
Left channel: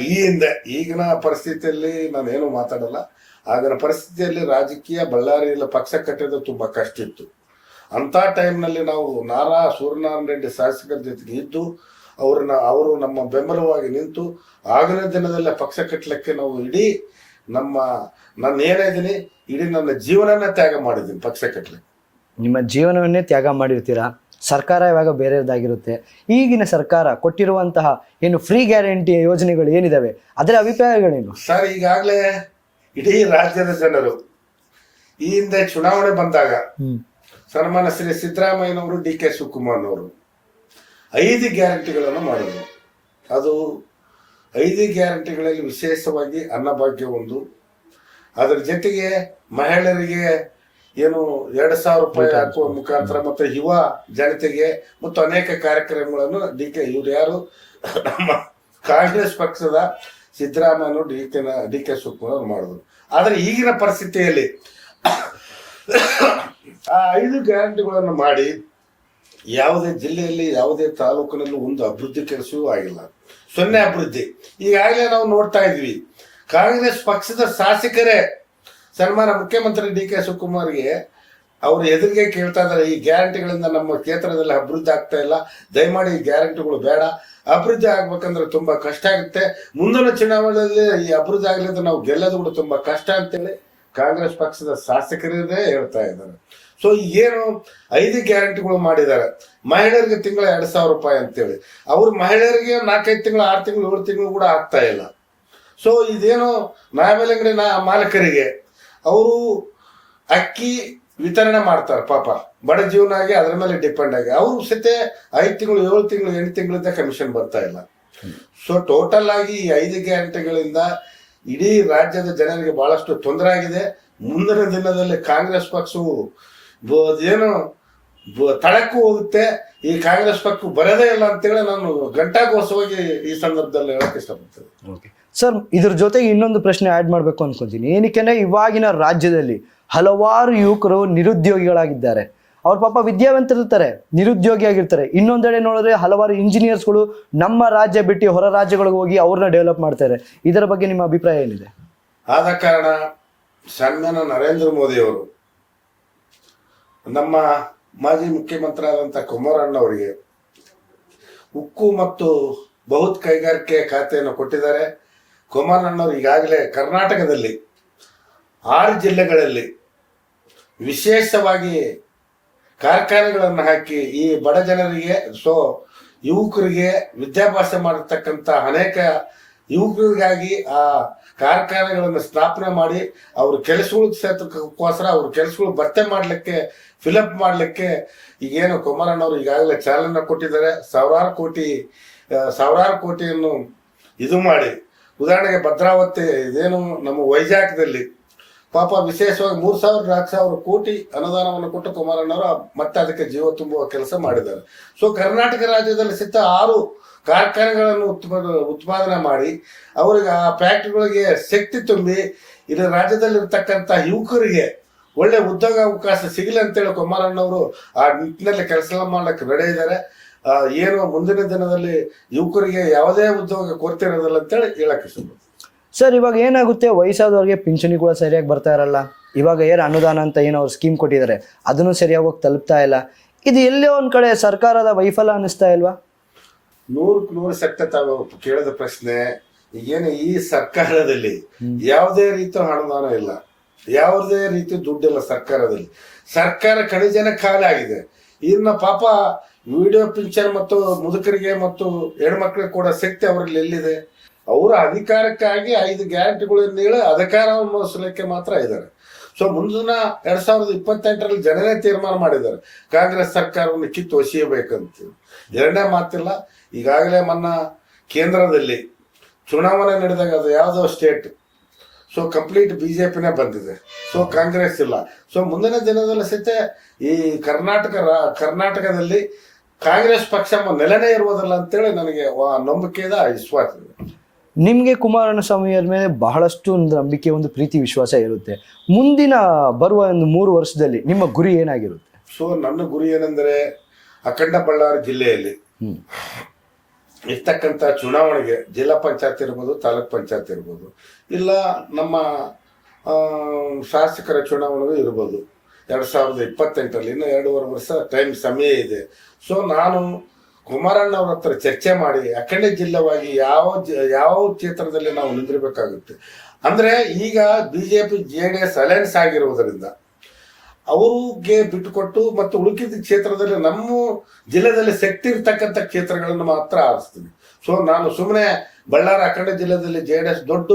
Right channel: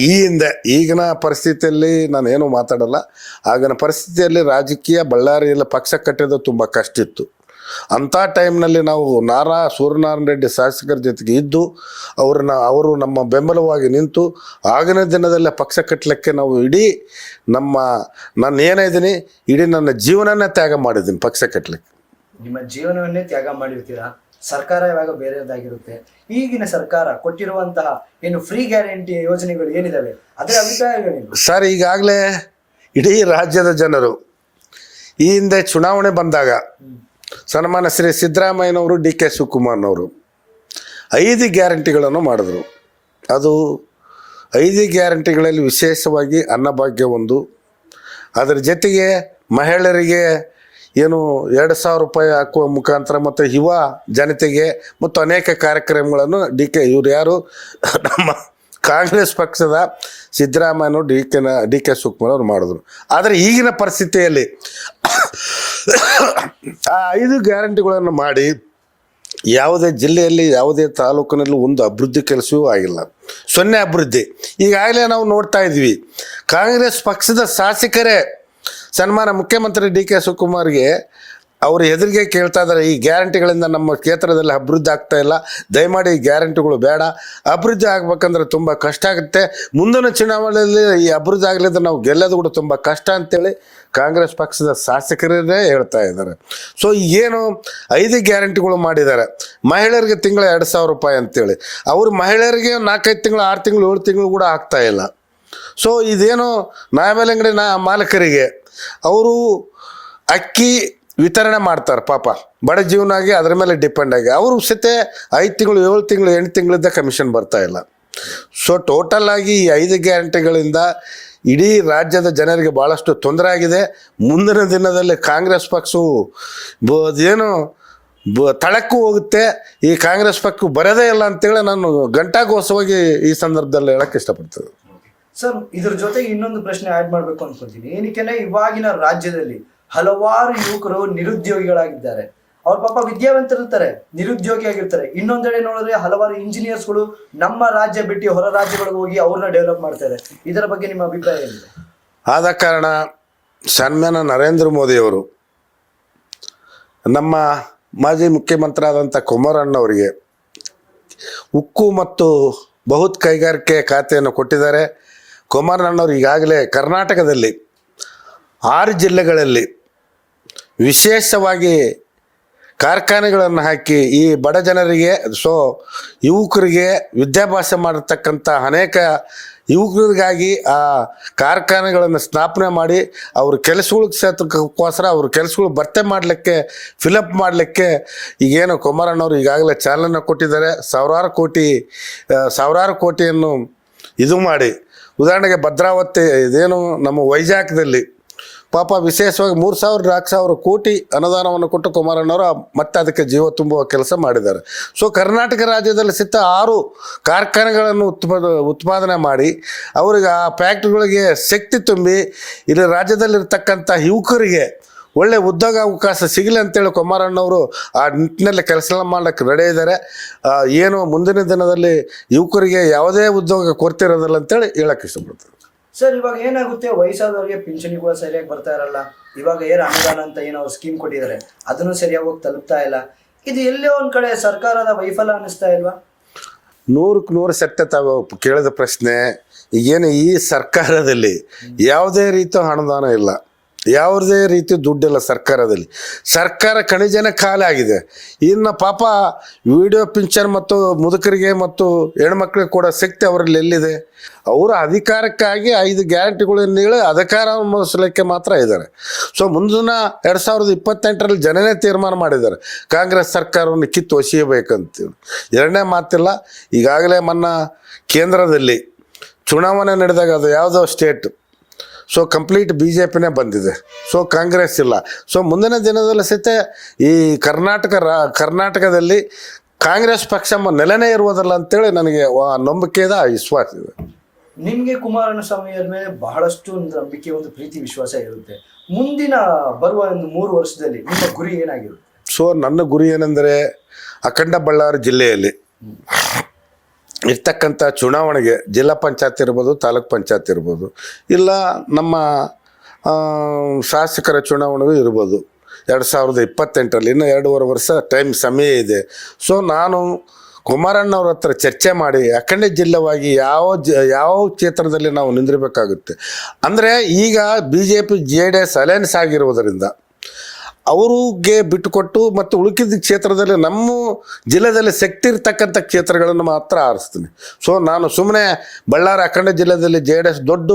ಈ ಹಿಂದೆ ಈಗಿನ ಪರಿಸ್ಥಿತಿಯಲ್ಲಿ ನಾನೇನು ಮಾತಾಡಲ್ಲ. ಆಗಿನ ಪರಿಸ್ಥಿತಿಯಲ್ಲಿ ರಾಜಕೀಯ ಬಳ್ಳಾರಿಯಲ್ಲಿ ಪಕ್ಷ ಕಟ್ಟೋದು ತುಂಬ ಕಷ್ಟ ಇತ್ತು. ಅಂಥ ಟೈಮ್ನಲ್ಲಿ ನಾವು ಸೂರ್ಯನಾರಾಯಣ ರೆಡ್ಡಿ ಶಾಸಕರ ಜೊತೆಗೆ ಇದ್ದು ಅವರು ನಮ್ಮ ಬೆಂಬಲವಾಗಿ ನಿಂತು ಆಗಿನ ದಿನದಲ್ಲೇ ಪಕ್ಷ ಕಟ್ಟಲಿಕ್ಕೆ ನಾವು ಇಡೀ ನಾನು ಏನಿದ್ದೀನಿ ಇಡೀ ನನ್ನ ಜೀವನನೇ ತ್ಯಾಗ ಮಾಡಿದ್ದೀನಿ ಪಕ್ಷ ಕಟ್ಟಲಿಕ್ಕೆ. ನಿಮ್ಮ ಜೀವನವನ್ನೇ ತ್ಯಾಗ ಮಾಡಿರ್ತೀರಾ. ಸರ್ಕಾರ ಇವಾಗ ಬೇರೆದಾಗಿರುತ್ತೆ. ಈಗಿನ ಸರ್ಕಾರ ಕೊಟ್ಟಿರುವಂತಹ ಏನು ಫ್ರೀ ಗ್ಯಾರಂಟಿ ಯೋಜನೆಗಳು ಏನಿದಾವೆ ಅದರ ಅಭಿಪ್ರಾಯಗಳೇನು ಸರ್? ಈಗಾಗಲೇ ಇಡೀ ರಾಜ್ಯದ ಜನರು ಈ ಹಿಂದೆ ಚುನಾವಣೆ ಬಂದಾಗ ಸನ್ಮಾನ್ಯ ಶ್ರೀ ಸಿದ್ದರಾಮಯ್ಯನವರು, DK ಶಿವಕುಮಾರ್ನವರು 5 ಗ್ಯಾರಂಟಿಗಳನ್ನು ಮಾಡಿದ್ರು. ಅದು 5 ಗ್ಯಾರಂಟಿಗಳಲ್ಲಿ ವಿಶೇಷವಾಗಿ ಅನ್ನಭಾಗ್ಯ ಒಂದು, ಅದರ ಜೊತೆಗೆ ಮಹಿಳೆಯರಿಗೆ ಏನು 2,000 ರೂಪಾಯಿ ಹಾಕುವ ಮುಖಾಂತರ ಮತ್ತು ಯುವ ಜನತೆಗೆ ಮತ್ತು ಅನೇಕ ಕಾರ್ಯಕ್ರಮಗಳನ್ನು ಇವ್ರು ಯಾರು ನಮ್ಮ ಕಾಂಗ್ರೆಸ್ ಪಕ್ಷದ ಸಿದ್ದರಾಮಯ್ಯನವರು DK ಶಿವಕುಮಾರ್ ಅವರು ಮಾಡಿದ್ರು. ಆದರೆ ಈಗಿನ ಪರಿಸ್ಥಿತಿಯಲ್ಲಿ ಆ 5 ಗ್ಯಾರಂಟಿಗಳನ್ನು ಮಾಡಿ ಯಾವುದೇ ಜಿಲ್ಲೆಯಲ್ಲಿ ಯಾವುದೇ ತಾಲೂಕಿನಲ್ಲೂ ಒಂದು ಅಭಿವೃದ್ಧಿ ಕೆಲಸವೂ ಆಗಿಲ್ಲ, 0 ಅಭಿವೃದ್ಧಿ. ಈಗಾಗಲೇ ನಾವು ನೋಡ್ತಾ ಇದ್ವಿ, ಕಾಂಗ್ರೆಸ್ ಪಕ್ಷದ ಶಾಸಕರೇ ಸನ್ಮಾನ್ಯ ಮುಖ್ಯಮಂತ್ರಿ DK ಶಿವಕುಮಾರ್ಗೆ ಅವರು ಎದುರಿಗೆ ಕೇಳ್ತಾ ಇದ್ದಾರೆ, ಈ ಗ್ಯಾರಂಟಿಗಳಿಂದ ನಮ್ಮ ಕ್ಷೇತ್ರದಲ್ಲಿ ಅಭಿವೃದ್ಧಿ ಆಗ್ತಾ ಇಲ್ಲ, ದಯಮಾಡಿ ಈ ಗ್ಯಾರಂಟಿಗಳು ಬೇಡ, ಅಭಿವೃದ್ಧಿ ಆಗ್ಬೇಕಂದ್ರೆ ತುಂಬ ಕಷ್ಟ ಆಗುತ್ತೆ, ಮುಂದಿನ ಚುನಾವಣೆಯಲ್ಲಿ ಈ ಅಭಿವೃದ್ಧಿ ಆಗಲಿದ್ರೆ ನಾವು ಗೆಲ್ಲೋದು ಕೂಡ ತುಂಬ ಕಷ್ಟ ಅಂತೇಳಿ ಕಾಂಗ್ರೆಸ್ ಪಕ್ಷದ ಶಾಸಕರೇ ಹೇಳ್ತಾ ಇದ್ದಾರೆ. ಸೊ ಏನು 5 ಗ್ಯಾರಂಟಿಗಳು ಮಾಡಿದ್ದಾರೆ. ಮಹಿಳೆಯರಿಗೆ ತಿಂಗಳ 2,000 ರೂಪಾಯಿ ಅಂತೇಳಿ, ಅವರು ಮಹಿಳೆಯರಿಗೆ 4-5 ತಿಂಗಳು 6 ತಿಂಗಳು 7 ತಿಂಗಳು ಕೂಡ ಆಗ್ತಾ ಇಲ್ಲ. ಸೊ ಇದೇನು ನ್ಯಾಯಬೆಲೆ ಅಂಗಡಿ ಮಾಲಕರಿಗೆ ಅವರು ಅಕ್ಕಿ ವಿತರಣೆ ಮಾಡ್ತಾರೆ, ಪಾಪ ಬಡ ಜೀವನ ಆಗಿ ಅದರ ಮೇಲೆ ಡಿಪೆಂಡ್ ಆಗಿ ಅವರು ಸತೆ 5 ತಿಂಗಳು 7 ತಿಂಗಳು 8 ತಿಂಗಳಿಂದ ಕಮಿಷನ್ ಬರ್ತಾ ಇಲ್ಲ. ಸೊ ಟೋಟಲ್ ಆಗಿ ಈ 5 ಗ್ಯಾರಂಟಿಗಳಿಂದ ಇಡೀ ರಾಜ್ಯದ ಜನರಿಗೆ ಭಾಳಷ್ಟು ತೊಂದರೆ ಆಗಿದೆ. ಮುಂದಿನ ದಿನದಲ್ಲಿ ಕಾಂಗ್ರೆಸ್ ಪಕ್ಷವು ಏನು ತಳಕ್ಕೂ ಹೋಗುತ್ತೆ, ಈ ಕಾಂಗ್ರೆಸ್ ಪಕ್ಷ ಬರೋದೇ ಇಲ್ಲ ಅಂತೇಳಿ ನಾನು ಘಂಟಾಘೋಷವಾಗಿ ಈ ಸಂದರ್ಭದಲ್ಲಿ ಹೇಳಕ್ಕೆ ಇಷ್ಟಪಡ್ತೇನೆ. ಸರ್, ಇದ್ರ ಜೊತೆಗೆ ಇನ್ನೊಂದು ಪ್ರಶ್ನೆ ಆ್ಯಡ್ ಮಾಡಬೇಕು ಅನ್ಕೊಂತೀನಿ. ಏನಕ್ಕೆ ಇವಾಗಿನ ರಾಜ್ಯದಲ್ಲಿ ಹಲವಾರು ಯುವಕರು ನಿರುದ್ಯೋಗಿಗಳಾಗಿದ್ದಾರೆ. ಅವ್ರ ಪಾಪ ವಿದ್ಯಾವಂತರಿರ್ತಾರೆ, ನಿರುದ್ಯೋಗಿ ಆಗಿರ್ತಾರೆ. ಇನ್ನೊಂದೆಡೆ ನೋಡಿದ್ರೆ ಹಲವಾರು ಇಂಜಿನಿಯರ್ಸ್ಗಳು ನಮ್ಮ ರಾಜ್ಯ ಬಿಟ್ಟು ಹೊರ ರಾಜ್ಯಗಳಿಗೆ ಹೋಗಿ ಅವ್ರನ್ನ ಡೆವಲಪ್ ಮಾಡ್ತಾರೆ. ಇದರ ಬಗ್ಗೆ ನಿಮ್ಮ ಅಭಿಪ್ರಾಯ ಏನಿದೆ? ಆದ ಕಾರಣ ಸನ್ಮಾನ್ಯ ನರೇಂದ್ರ ಮೋದಿಯವರು ನಮ್ಮ ಮಾಜಿ ಮುಖ್ಯಮಂತ್ರಿ ಆದಂಥ ಕುಮಾರಣ್ಣವರಿಗೆ ಉಕ್ಕು ಮತ್ತು ಬೃಹತ್ ಕೈಗಾರಿಕೆ ಖಾತೆಯನ್ನು ಕೊಟ್ಟಿದ್ದಾರೆ. ಕುಮಾರಣ್ಣವರು ಈಗಾಗಲೇ ಕರ್ನಾಟಕದಲ್ಲಿ 6 ಜಿಲ್ಲೆಗಳಲ್ಲಿ ವಿಶೇಷವಾಗಿ ಕಾರ್ಖಾನೆಗಳನ್ನು ಹಾಕಿ ಈ ಬಡ ಜನರಿಗೆ ಯುವಕರಿಗೆ ವಿದ್ಯಾಭ್ಯಾಸ ಮಾಡಿರ್ತಕ್ಕಂಥ ಅನೇಕ ಯುವಕರಿಗಾಗಿ ಆ ಕಾರ್ಖಾನೆಗಳನ್ನು ಸ್ಥಾಪನೆ ಮಾಡಿ ಅವ್ರ ಕೆಲಸಗಳ ಕ್ಷೇತ್ರಕ್ಕೋಸ್ಕರ ಅವ್ರ ಕೆಲಸಗಳು ಭರ್ತಿ ಮಾಡಲಿಕ್ಕೆ ಫಿಲಪ್ ಮಾಡಲಿಕ್ಕೆ ಈಗೇನು ಕುಮಾರಣ್ಣವರು ಈಗಾಗಲೇ ಚಾಲನೆ ಕೊಟ್ಟಿದ್ದಾರೆ. ಸಾವಿರಾರು ಕೋಟಿಯನ್ನು ಇದು ಮಾಡಿ, ಉದಾಹರಣೆಗೆ ಭದ್ರಾವತಿ ಇದೇನು ನಮ್ಮ ವೈಜಾಗ್ದಲ್ಲಿ ಪಾಪ ವಿಶೇಷವಾಗಿ 3,000-4,000 ಕೋಟಿ ಅನುದಾನವನ್ನು ಕೊಟ್ಟು ಕುಮಾರಣ್ಣವರು ಮತ್ತೆ ಅದಕ್ಕೆ ಜೀವ ತುಂಬುವ ಕೆಲಸ ಮಾಡಿದ್ದಾರೆ. ಸೊ ಕರ್ನಾಟಕ ರಾಜ್ಯದಲ್ಲಿ 6 ಕಾರ್ಖಾನೆಗಳನ್ನು ಉತ್ಪಾದನೆ ಮಾಡಿ ಅವ್ರಿಗೆ ಆ ಫ್ಯಾಕ್ಟ್ರಿಗಳಿಗೆ ಶಕ್ತಿ ತುಂಬಿ ಇಲ್ಲಿ ರಾಜ್ಯದಲ್ಲಿರ್ತಕ್ಕಂಥ ಯುವಕರಿಗೆ ಒಳ್ಳೆ ಉದ್ಯೋಗಾವಕಾಶ ಸಿಗಲಿ ಅಂತೇಳಿ ಕುಮಾರಣ್ಣವರು ಆ ನಿಟ್ಟಿನಲ್ಲಿ ಕೆಲಸ ಮಾಡಲಿಕ್ಕೆ ರೆಡಿ ಇದ್ದಾರೆ. ಏನು ಮುಂದಿನ ದಿನದಲ್ಲಿ ಯುವಕರಿಗೆ ಯಾವುದೇ ಉದ್ಯೋಗ ಕೊರತೆ ಇರೋದಿಲ್ಲ ಅಂತೇಳಿ ಹೇಳಕ್ಕೆ ಇಷ್ಟಪಡ್ತೀನಿ. ಸರ್, ಇವಾಗ ಏನಾಗುತ್ತೆ, ವಯಸ್ಸಾದವ್ರಿಗೆ ಪಿಂಚಣಿ ಕೂಡ ಸರಿಯಾಗಿ ಬರ್ತಾ ಇರಲ್ಲ. ಇವಾಗ ಏನು ಅನುದಾನ ಅಂತ ಏನೋ ಅವ್ರು ಸ್ಕೀಮ್ ಕೊಟ್ಟಿದ್ದಾರೆ, ಅದನ್ನು ಸರಿಯಾಗಿ ಹೋಗಿ ತಲುಪ್ತಾ ಇಲ್ಲ. ಇದು ಎಲ್ಲೇ ಒಂದ್ ಕಡೆ ಸರ್ಕಾರದ ವೈಫಲ್ಯ ಅನ್ನಿಸ್ತಾ ಇಲ್ವಾ? 100% ಸತ್ಯ ತಾವು ಕೇಳಿದ ಪ್ರಶ್ನೆ. ಈಗೇನು ಈ ಸರ್ಕಾರದಲ್ಲಿ ಯಾವುದೇ ರೀತಿಯ ಅನುದಾನ ಇಲ್ಲ, ಯಾವುದೇ ರೀತಿ ದುಡ್ಡಿಲ್ಲ ಸರ್ಕಾರದಲ್ಲಿ. ಸರ್ಕಾರ ಕಣಿಜನ ಖಾಲಿ ಆಗಿದೆ. ಇನ್ನು ಪಾಪ ವಿಡಿಯೋ ಪಿಂಚನ್ ಮತ್ತು ಮುದುಕರಿಗೆ ಮತ್ತು ಹೆಣ್ಮಕ್ಳಿಗೆ ಕೂಡ ಶಕ್ತಿ ಅವರಲ್ಲಿ ಎಲ್ಲಿದೆ? ಅವರ ಅಧಿಕಾರಕ್ಕಾಗಿ 5 ಗ್ಯಾರಂಟಿಗಳನ್ನು ಹೇಳಿ ಅಧಿಕಾರವನ್ನು ಮುಗಿಸಲಿಕ್ಕೆ ಮಾತ್ರ ಇದ್ದಾರೆ. ಸೊ ಮುಂದಿನ 2028ರಲ್ಲಿ ಜನನೇ ತೀರ್ಮಾನ ಮಾಡಿದ್ದಾರೆ ಕಾಂಗ್ರೆಸ್ ಸರ್ಕಾರವನ್ನು ಕಿತ್ತು ಒಸೆಯಬೇಕಂತೇಳಿ. ಎರಡನೇ ಮಾತಿಲ್ಲ. ಈಗಾಗಲೇ ಕೇಂದ್ರದಲ್ಲಿ ಚುನಾವಣೆ ನಡೆದಾಗ ಅದು ಯಾವುದೋ ಸ್ಟೇಟ್, ಸೊ ಕಂಪ್ಲೀಟ್ BJPನೇ ಬಂದಿದೆ. ಸೊ ಕಾಂಗ್ರೆಸ್ ಇಲ್ಲ. ಸೊ ಮುಂದಿನ ದಿನದಲ್ಲಿ ಸಹಿತ ಈ ಕರ್ನಾಟಕದಲ್ಲಿ ಕಾಂಗ್ರೆಸ್ ಪಕ್ಷ ನೆಲೆನೇ ಇರುವುದಿಲ್ಲ ಅಂತೇಳಿ ನನಗೆ ನಂಬಿಕೆ ಇದೆ, ವಿಶ್ವಾಸ ಇದೆ. ನಿಮಗೆ ಕುಮಾರಣ್ಣ ಸ್ವಾಮಿಯವ್ರ ಮೇಲೆ ಬಹಳಷ್ಟು ಒಂದು ನಂಬಿಕೆ, ಒಂದು ಪ್ರೀತಿ, ವಿಶ್ವಾಸ ಇರುತ್ತೆ. ಮುಂದಿನ ಬರುವ ಒಂದು 3 ವರ್ಷದಲ್ಲಿ ನಿಮ್ಮ ಗುರಿ ಏನಾಗಿರುತ್ತೆ? ಸೊ ನನ್ನ ಗುರಿ ಏನೆಂದರೆ ಅಖಂಡ ಬಳ್ಳಾರಿ ಜಿಲ್ಲೆಯಲ್ಲಿ ಇರ್ತಕ್ಕಂಥ ಚುನಾವಣೆಗೆ ಜಿಲ್ಲಾ ಪಂಚಾಯತ್ ಇರ್ಬೋದು, ತಾಲೂಕ್ ಪಂಚಾಯತ್ ಇರ್ಬೋದು, ಇಲ್ಲ ನಮ್ಮ ಶಾಸಕರ ಚುನಾವಣೆಗೂ ಇರ್ಬೋದು 2028ರಲ್ಲಿ. ಇನ್ನು 2.5 ವರ್ಷ ಸಮಯ ಇದೆ. ಸೊ ನಾನು ಕುಮಾರಣ್ಣವ್ರ ಹತ್ರ ಚರ್ಚೆ ಮಾಡಿ ಅಖಂಡ ಜಿಲ್ಲೆವಾಗಿ ಯಾವ ಕ್ಷೇತ್ರದಲ್ಲಿ ನಾವು ನಿಂದಿರಬೇಕಾಗುತ್ತೆ ಅಂದರೆ, ಈಗ BJP JDS ಅಲಯನ್ಸ್ ಆಗಿರುವುದರಿಂದ ಅವ್ರಿಗೆ ಬಿಟ್ಟುಕೊಟ್ಟು ಮತ್ತು ಉಳುಕಿದ ಕ್ಷೇತ್ರದಲ್ಲಿ ನಮ್ಮ ಜಿಲ್ಲೆಯಲ್ಲಿ ಶಕ್ತಿ ಇರ್ತಕ್ಕಂಥ ಕ್ಷೇತ್ರಗಳನ್ನು ಮಾತ್ರ ಆರಿಸ್ತೀನಿ. ಸೊ ನಾನು ಸುಮ್ಮನೆ ಬಳ್ಳಾರಿ ಅಖಂಡ ಜಿಲ್ಲೆಯಲ್ಲಿ JDS ದೊಡ್ಡ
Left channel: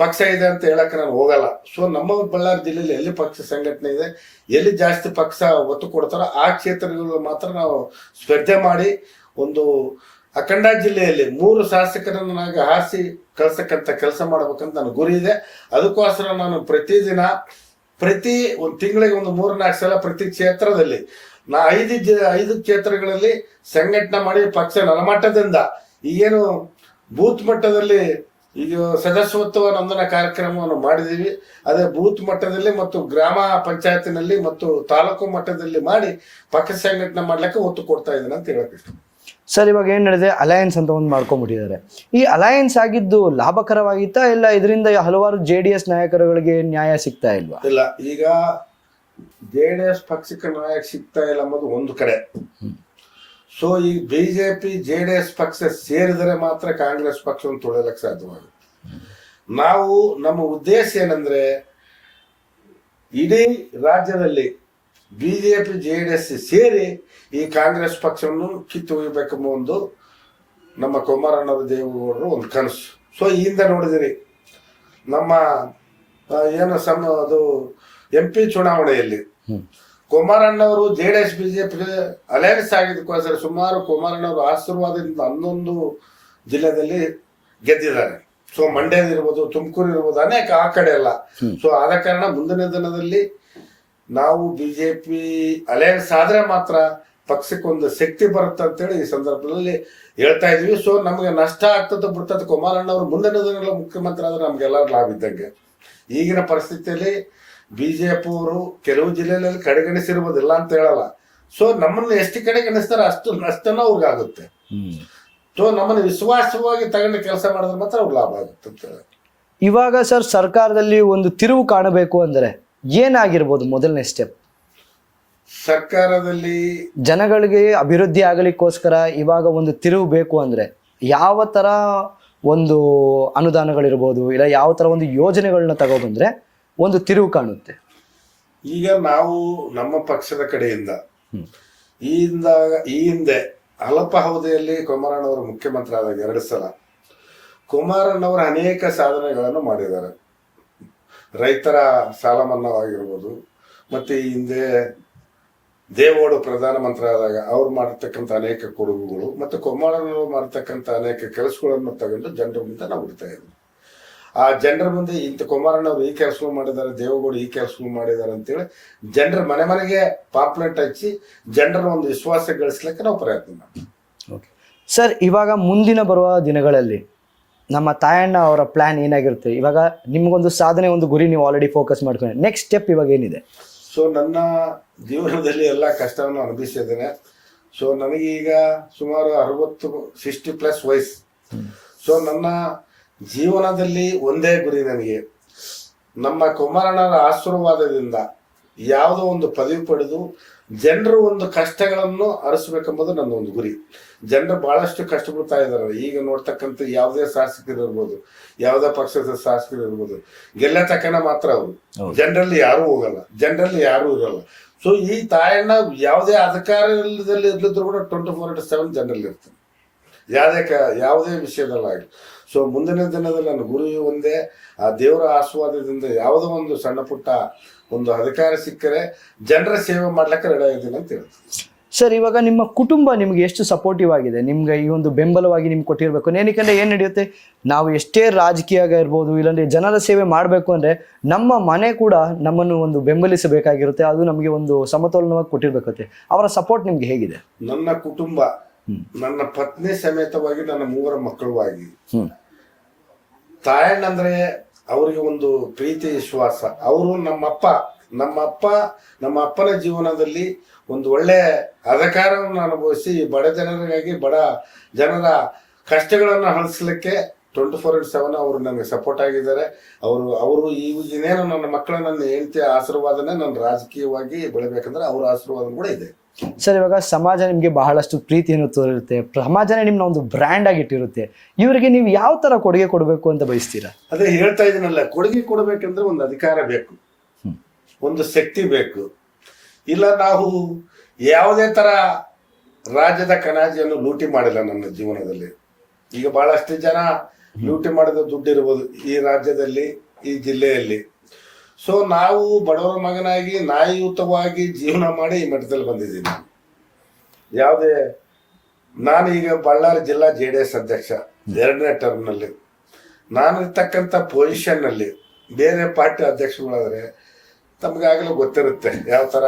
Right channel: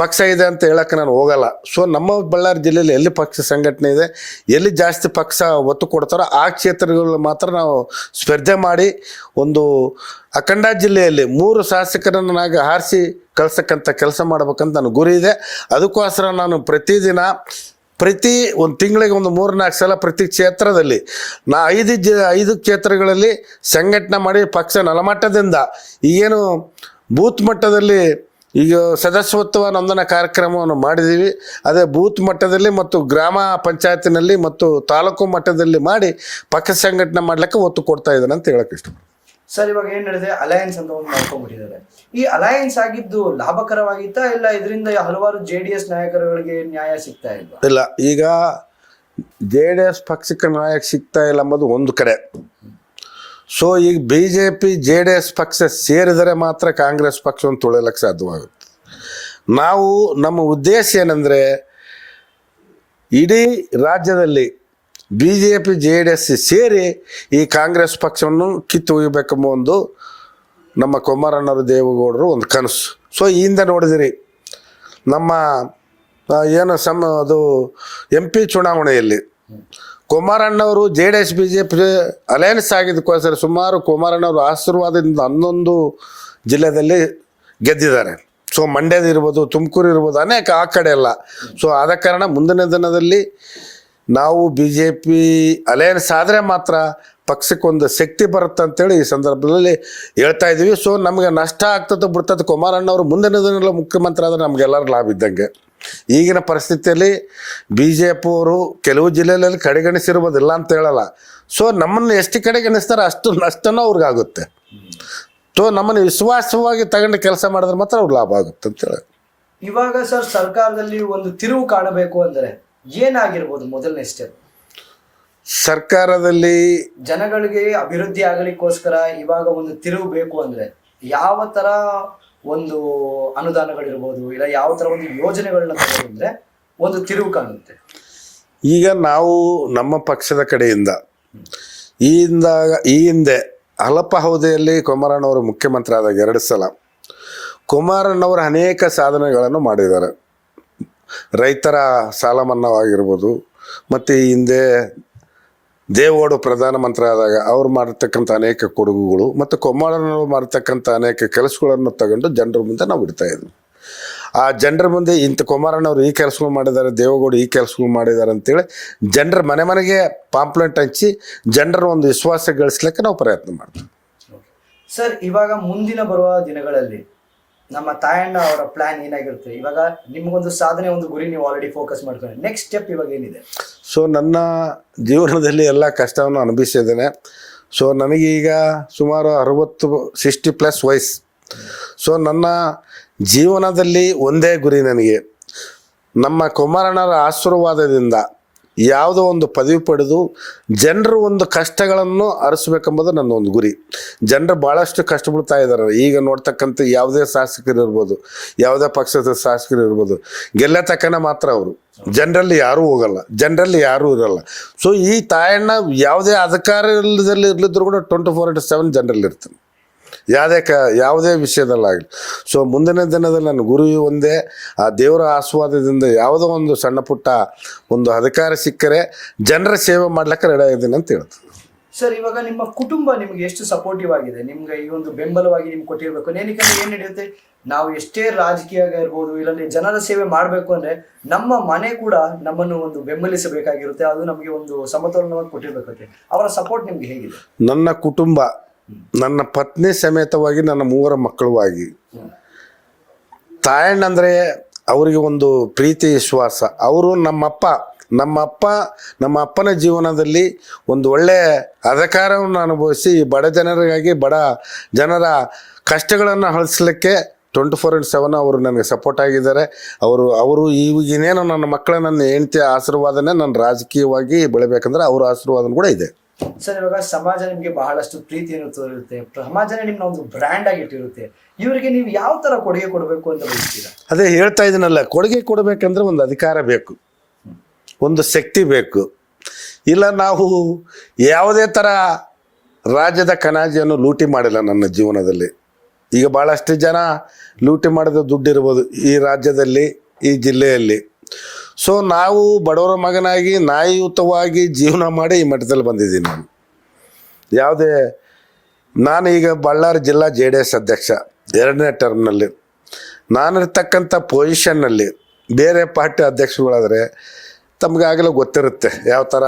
ಪಕ್ಷ ಇದೆ ಅಂತ ಹೇಳಕ್ಕೆ ನಾನು ಹೋಗಲ್ಲ. ಸೊ ನಮ್ಮ ಬಳ್ಳಾರಿ ಜಿಲ್ಲೆಯಲ್ಲಿ ಎಲ್ಲಿ ಪಕ್ಷ ಸಂಘಟನೆ ಇದೆ, ಎಲ್ಲಿ ಜಾಸ್ತಿ ಪಕ್ಷ ಒತ್ತು ಕೊಡ್ತಾರೋ ಆ ಕ್ಷೇತ್ರಗಳು ಮಾತ್ರ ನಾವು ಸ್ಪರ್ಧೆ ಮಾಡಿ ಒಂದು ಅಖಂಡ ಜಿಲ್ಲೆಯಲ್ಲಿ 3 ಶಾಸಕರನ್ನು ಆರಿಸಿ ಕಳ್ಸಕ್ಕಂಥ ಕೆಲಸ ಮಾಡ್ಬೇಕಂತ ನನ್ನ ಗುರಿ ಇದೆ. ಅದಕ್ಕೋಸ್ಕರ ನಾನು ಪ್ರತಿ ಒಂದು ತಿಂಗಳಿಗೆ ಒಂದು 3-4 ಸಲ ಪ್ರತಿ ಕ್ಷೇತ್ರದಲ್ಲಿ 5 ಕ್ಷೇತ್ರಗಳಲ್ಲಿ ಸಂಘಟನೆ ಮಾಡಿ ಪಕ್ಷ ನೆಲಮಟ್ಟದಿಂದ ಈಗೇನು ಬೂತ್ ಮಟ್ಟದಲ್ಲಿ ಈಗ ಸದಸ್ಯತ್ವ ನೋಂದಣಿ ಕಾರ್ಯಕ್ರಮವನ್ನು ಮಾಡಿದ್ದೀವಿ. ಅದೇ ಬೂತ್ ಮಟ್ಟದಲ್ಲಿ ಮತ್ತು ಗ್ರಾಮ ಪಂಚಾಯತಿನಲ್ಲಿ ಮತ್ತು ತಾಲೂಕು ಮಟ್ಟದಲ್ಲಿ ಮಾಡಿ ಪಕ್ಷ ಸಂಘಟನೆ ಮಾಡ್ಲಿಕ್ಕೆ ಒತ್ತು ಕೊಡ್ತಾ ಇದ್ದಾನೆ ಅಂತ ಹೇಳಕ್ಕೆ ಇಷ್ಟ. ಸರ್, ಇವಾಗ ಏನ್ ಹೇಳಿದೆ, ಅಲಯನ್ಸ್ ಅಂತ ಒಂದು ಮಾಡ್ಕೊಂಡ್ಬಿಟ್ಟಿದ್ದಾರೆ. ಈ ಅಲಯನ್ಸ್ ಆಗಿದ್ದು ಲಾಭಕರವಾಗಿತ್ತಾ, ಇಲ್ಲ ಇದರಿಂದ ಹಲವಾರು JDS ನಾಯಕರುಗಳಿಗೆ ನ್ಯಾಯ ಸಿಗ್ತಾ ಇಲ್ವಾ? ಇಲ್ಲ, ಈಗ JDS ಪಕ್ಷಕ್ಕೆ ನ್ಯಾಯ ಸಿಗ್ತಾ ಇಲ್ಲ ಎಂಬುದು ಒಂದು ಕಡೆ. ಸೊ ಈಗ BJP JDS ಪಕ್ಷ ಸೇರಿದರೆ ಮಾತ್ರ ಕಾಂಗ್ರೆಸ್ ಪಕ್ಷವನ್ನು ತುಳಿಯಲಿಕ್ಕೆ ಸಾಧ್ಯವಾಗುತ್ತೆ. ನಮ್ಮ ಉದ್ದೇಶ ಏನಂದರೆ, ಇಡೀ ರಾಜ್ಯದಲ್ಲಿ BJP JDS ಸೇರಿ ಈ ಕಾಂಗ್ರೆಸ್ ಪಕ್ಷವನ್ನು ಕಿತ್ತು ಒಯ್ಯಬೇಕೆಂಬ ಒಂದು ನಮ್ಮ ಕುಮಾರಣ್ಣವ್ರ ದೇವೇಗೌಡರು ಒಂದು ಕನಸು. ಸೊ ಈ ಹಿಂದೆ ನೋಡಿದಿರಿ ನಮ್ಮ ಅದು MP ಚುನಾವಣೆಯಲ್ಲಿ ಕುಮಾರಣ್ಣವರು JDS BJP ಅಲಯನ್ಸ್ ಆಗಿದ್ದಕ್ಕೋಸ್ಕರ ಸುಮಾರು ಕುಮಾರಣ್ಣವರು ಆಶೀರ್ವಾದದಿಂದ 11 ಜಿಲ್ಲೆಯಲ್ಲಿ ಗೆದ್ದಿದ್ದಾರೆ. ಸೊ ಮಂಡ್ಯದ ಇರ್ಬೋದು, ತುಮಕೂರು ಇರ್ಬೋದು, ಅನೇಕ ಆ ಕಡೆ ಎಲ್ಲ. ಸೊ ಆದ ಕಾರಣ ಮುಂದಿನ ದಿನದಲ್ಲಿ ನಾವು BJP ಅಲಯನ್ಸ್ ಆದರೆ ಮಾತ್ರ ಪಕ್ಷಕ್ಕೊಂದು ಶಕ್ತಿ ಬರುತ್ತೆ ಅಂತೇಳಿ ಈ ಸಂದರ್ಭದಲ್ಲಿ ಹೇಳ್ತಾ ಇದ್ದೀವಿ. ಸೊ ನಮಗೆ ನಷ್ಟ ಆಗ್ತದೆ ಬಿಡ್ತದೆ. ಕುಮಾರಣ್ಣವರು ಮುಂದಿನ ದಿನಗಳಲ್ಲಿ ಮುಖ್ಯಮಂತ್ರಿ ಆದರೆ ನಮಗೆಲ್ಲರೂ ಲಾಭ ಇದ್ದಂಗೆ. ಈಗಿನ ಪರಿಸ್ಥಿತಿಯಲ್ಲಿ BJP ಅವರು ಕೆಲವು ಜಿಲ್ಲೆಯಲ್ಲಿ ಕಡೆಗಣಿಸಿರ್ಬೋದಿಲ್ಲ ಅಂತ ಹೇಳಲ್ಲ. ಸೊ ನಮ್ಮನ್ನು ಎಷ್ಟು ಕಡೆಗಣಿಸ್ತಾರೆ ಅಷ್ಟು ನಷ್ಟನೂ ಅವ್ರಿಗಾಗುತ್ತೆ. ಸೊ ನಮ್ಮನ್ನು ವಿಶ್ವಾಸವಾಗಿ ತಗೊಂಡು ಕೆಲಸ ಮಾಡಿದ್ರೆ ಮಾತ್ರ ಅವ್ರಿಗೆ ಲಾಭ ಆಗುತ್ತೆ ಅಂತ ಹೇಳಿ. ಇವಾಗ ಸರ್, ಸರ್ಕಾರದಲ್ಲಿ ಒಂದು ತಿರುವು ಕಾಣಬೇಕು ಅಂದರೆ ಏನಾಗಿರ್ಬೋದು ಮೊದಲನೇ ಸ್ಟೆಪ್? ಸರ್ಕಾರದಲ್ಲಿ ಜನಗಳಿಗೆ ಅಭಿವೃದ್ಧಿ ಆಗಲಿಕ್ಕೋಸ್ಕರ ಇವಾಗ ಒಂದು ತಿರುವು ಬೇಕು ಅಂದರೆ ಯಾವ ಥರ ಒಂದು ಅನುದಾನಗಳಿರ್ಬೋದು, ಇಲ್ಲ ಯಾವ ಥರ ಒಂದು ಯೋಜನೆಗಳನ್ನ ತಗೋಬಂದ್ರೆ ಒಂದು ತಿರುವು ಕಾಣುತ್ತೆ? ಈಗ ನಾವು ನಮ್ಮ ಪಕ್ಷದ ಕಡೆಯಿಂದ ಈ ಹಿಂದೆ ಅಲ್ಪ ಅವಧಿಯಲ್ಲಿ ಕುಮಾರಣ್ಣವರು ಮುಖ್ಯಮಂತ್ರಿ ಆದಾಗ 2 ಸಲ ಕುಮಾರಣ್ಣವರು ಅನೇಕ ಸಾಧನೆಗಳನ್ನು ಮಾಡಿದ್ದಾರೆ. ರೈತರ ಸಾಲ ಮನ್ನಾವಾಗಿರ್ಬೋದು, ಮತ್ತು ಈ ಹಿಂದೆ ದೇವೇಗೌಡ ಪ್ರಧಾನಮಂತ್ರಿ ಆದಾಗ ಅವ್ರು ಮಾಡಿರ್ತಕ್ಕಂಥ ಅನೇಕ ಕೊಡುಗುಗಳು ಮತ್ತು ಕುಮಾರಣ್ಣವರು ಮಾಡಿರ್ತಕ್ಕಂಥ ಅನೇಕ ಕೆಲಸಗಳನ್ನು ತಗೊಂಡು ಜನರ ಮುಂದೆ ನಾವು ಇಡ್ತಾ ಇದ್ವಿ. ಆ ಜನರ ಮುಂದೆ ಇಂಥ ಕುಮಾರಣ್ಣವ್ರು ಈ ಕೆಲಸಗಳು ಮಾಡಿದ್ದಾರೆ, ದೇವೇಗೌಡ ಈ ಕೆಲಸಗಳು ಮಾಡಿದ್ದಾರೆ ಅಂತೇಳಿ ಜನರ ಮನೆ ಮನೆಗೆ ಪಾಂಪ್ಲೆಟ್ ಹಚ್ಚಿ ಜನರ ಒಂದು ವಿಶ್ವಾಸ ಗಳಿಸ್ಲಿಕ್ಕೆ ನಾವು ಪ್ರಯತ್ನ ಮಾಡ್ತೀವಿ. ಸರ್, ಇವಾಗ ಮುಂದಿನ ಬರುವ ದಿನಗಳಲ್ಲಿ ನಮ್ಮ ತಾಯಣ್ಣ ಅವರ ಪ್ಲಾನ್ ಏನಾಗಿರುತ್ತೆ? ಇವಾಗ ನಿಮ್ಗೊಂದು ಸಾಧನೆ, ಒಂದು ಗುರಿ ನೀವು ಆಲ್ರೆಡಿ ಫೋಕಸ್ ಮಾಡ್ಕೊಂಡು ನೆಕ್ಸ್ಟ್ ಸ್ಟೆಪ್ ಇವಾಗ ಏನಿದೆ? ಸೊ ನನ್ನ ಜೀವನದಲ್ಲಿ ಎಲ್ಲ ಕಷ್ಟವನ್ನು ಅನುಭವಿಸಿದ್ದೇನೆ. ಸೊ ನನಗೀಗ ಸುಮಾರು 60-60+ ವಯಸ್ಸು. ಸೊ ನನ್ನ ಜೀವನದಲ್ಲಿ ಒಂದೇ ಗುರಿ, ನನಗೆ ನಮ್ಮ ಕುಮಾರಣ್ಣರ ಆಶೀರ್ವಾದದಿಂದ ಯಾವುದೋ ಒಂದು ಪದವಿ ಪಡೆದು ಜನರು ಒಂದು ಕಷ್ಟಗಳನ್ನು ಅರಿಸ್ಬೇಕೆಂಬುದು ನನ್ನ ಒಂದು ಗುರಿ. ಜನರು ಭಾಳಷ್ಟು ಕಷ್ಟಪಡ್ತಾ ಇದ್ದಾರೆ. ಈಗ ನೋಡ್ತಕ್ಕಂಥ ಯಾವುದೇ ಶಾಸಕರು ಇರ್ಬೋದು, ಯಾವುದೇ ಪಕ್ಷದ ಶಾಸಕರು ಇರ್ಬೋದು, ಗೆಲ್ಲ ತಕ್ಕನ ಮಾತ್ರ ಅವರು, ಜನರಲ್ಲಿ ಯಾರೂ ಹೋಗಲ್ಲ, ಜನರಲ್ಲಿ ಯಾರೂ ಇರಲ್ಲ. ಸೊ ಈ ತಾಯಣ್ಣ ಯಾವುದೇ ಅಧಿಕಾರ ಇಲ್ಲದಲ್ಲಿ ಇರ್ಲಿದ್ರು ಕೂಡ 24/7 ಜನರಲ್ಲಿ ಇರ್ತಾನೆ, ಯಾವುದೇ ವಿಷಯದಲ್ಲಾಗಲಿ. ಸೊ ಮುಂದಿನ ದಿನದಲ್ಲಿ ನನ್ನ ಗುರು ಒಂದೇ, ಆ ದೇವರ ಆಶೀರ್ವಾದದಿಂದ ಯಾವುದೋ ಒಂದು ಸಣ್ಣ ಪುಟ್ಟ ಒಂದು ಅಧಿಕಾರ ಸಿಕ್ಕರೆ ಜನರ ಸೇವೆ ಮಾಡ್ಲಿಕ್ಕೆ ರೆಡಿ ಆಗಿದ್ದೀನಿ ಅಂತ ಹೇಳ್ತೀನಿ. ಸರ್, ಇವಾಗ ನಿಮ್ಮ ಕುಟುಂಬ ನಿಮ್ಗೆ ಎಷ್ಟು ಸಪೋರ್ಟಿವ್ ಆಗಿದೆ? ನಿಮ್ಗೆ ಈ ಒಂದು ಬೆಂಬಲವಾಗಿ ನಿಮ್ಗೆ ಕೊಟ್ಟಿರ್ಬೇಕು. ಏನಕ್ಕೆ ಏನು ನಡೆಯುತ್ತೆ, ನಾವು ಎಷ್ಟೇ ರಾಜಕೀಯ ಇರ್ಬೋದು, ಇಲ್ಲಾಂದ್ರೆ ಜನರ ಸೇವೆ ಮಾಡಬೇಕು ಅಂದ್ರೆ ನಮ್ಮ ಮನೆ ಕೂಡ ನಮ್ಮನ್ನು ಒಂದು ಬೆಂಬಲಿಸಬೇಕಾಗಿರುತ್ತೆ. ಅದು ನಮಗೆ ಒಂದು ಸಮತೋಲನವಾಗಿ ಕೊಟ್ಟಿರ್ಬೇಕತ್ತೆ. ಅವರ ಸಪೋರ್ಟ್ ನಿಮ್ಗೆ ಹೇಗಿದೆ? ನನ್ನ ಕುಟುಂಬ, ನನ್ನ ಪತ್ನಿ ಸಮೇತವಾಗಿ ನನ್ನ 3 ಮಕ್ಕಳುವಾಗಿ, ತಾಯಣ್ಣ ಅಂದರೆ ಅವರಿಗೆ ಒಂದು ಪ್ರೀತಿ ವಿಶ್ವಾಸ. ಅವರು ನಮ್ಮ ಅಪ್ಪನ ಜೀವನದಲ್ಲಿ ಒಂದು ಒಳ್ಳೆಯ ಅಧಿಕಾರವನ್ನು ಅನುಭವಿಸಿ ಬಡ ಜನರಿಗಾಗಿ, ಬಡ ಜನರ ಕಷ್ಟಗಳನ್ನು ಅಳಿಸ್ಲಿಕ್ಕೆ 24/7 ಅವರು ನನಗೆ ಸಪೋರ್ಟ್ ಆಗಿದ್ದಾರೆ. ಅವರು ಈಗೇನೇನು ನನ್ನ ಮಕ್ಕಳ, ನನ್ನ ಹೆಂಡತಿಯ ಆಶೀರ್ವಾದನೇ ನನ್ನ ರಾಜಕೀಯವಾಗಿ ಬೆಳಿಬೇಕಂದ್ರೆ ಅವರ ಆಶೀರ್ವಾದ ಕೂಡ ಇದೆ. ಸರ್, ಇವಾಗ ಸಮಾಜ ನಿಮ್ಗೆ ಬಹಳಷ್ಟು ಪ್ರೀತಿಯನ್ನು ತೋರಿರುತ್ತೆ, ಸಮಾಜನೇ ನಿಮ್ಮನ್ನ ಒಂದು ಬ್ರ್ಯಾಂಡ್ ಆಗಿಟ್ಟಿರುತ್ತೆ. ಇವರಿಗೆ ನೀವು ಯಾವ ತರ ಕೊಡುಗೆ ಕೊಡಬೇಕು ಅಂತ ಬಯಸ್ತೀರಾ? ಅದೇ ಹೇಳ್ತಾ ಇದೀನಲ್ಲ, ಕೊಡುಗೆ ಕೊಡಬೇಕಂದ್ರೆ ಒಂದು ಅಧಿಕಾರ ಬೇಕು, ಒಂದು ಶಕ್ತಿ ಬೇಕು. ಇಲ್ಲ ನಾವು ಯಾವುದೇ ತರ ರಾಜ್ಯದ ಕಣಾಜಿಯನ್ನು ಲೂಟಿ ಮಾಡಿಲ್ಲ ನನ್ನ ಜೀವನದಲ್ಲಿ. ಈಗ ಬಹಳಷ್ಟು ಜನ ಲೂಟಿ ಮಾಡಿದ ದುಡ್ಡು ಇರ್ಬೋದು ಈ ರಾಜ್ಯದಲ್ಲಿ, ಈ ಜಿಲ್ಲೆಯಲ್ಲಿ. ಸೊ ನಾವು ಬಡವರ ಮಗನಾಗಿ ನ್ಯಾಯಯುತವಾಗಿ ಜೀವನ ಮಾಡಿ ಈ ಮಟ್ಟದಲ್ಲಿ ಬಂದಿದ್ದೀನಿ. ನಾನು ಈಗ ಬಳ್ಳಾರಿ ಜಿಲ್ಲಾ JDS ಅಧ್ಯಕ್ಷ 2ನೇ ಟರ್ಮ್ನಲ್ಲಿ. ನಾನಿರ್ತಕ್ಕಂಥ ಪೊಸಿಷನ್ನಲ್ಲಿ ಬೇರೆ ಪಾರ್ಟಿ ಅಧ್ಯಕ್ಷಗಳಾದರೆ ತಮ್ಗಾಗಲೇ ಗೊತ್ತಿರುತ್ತೆ ಯಾವ ಥರ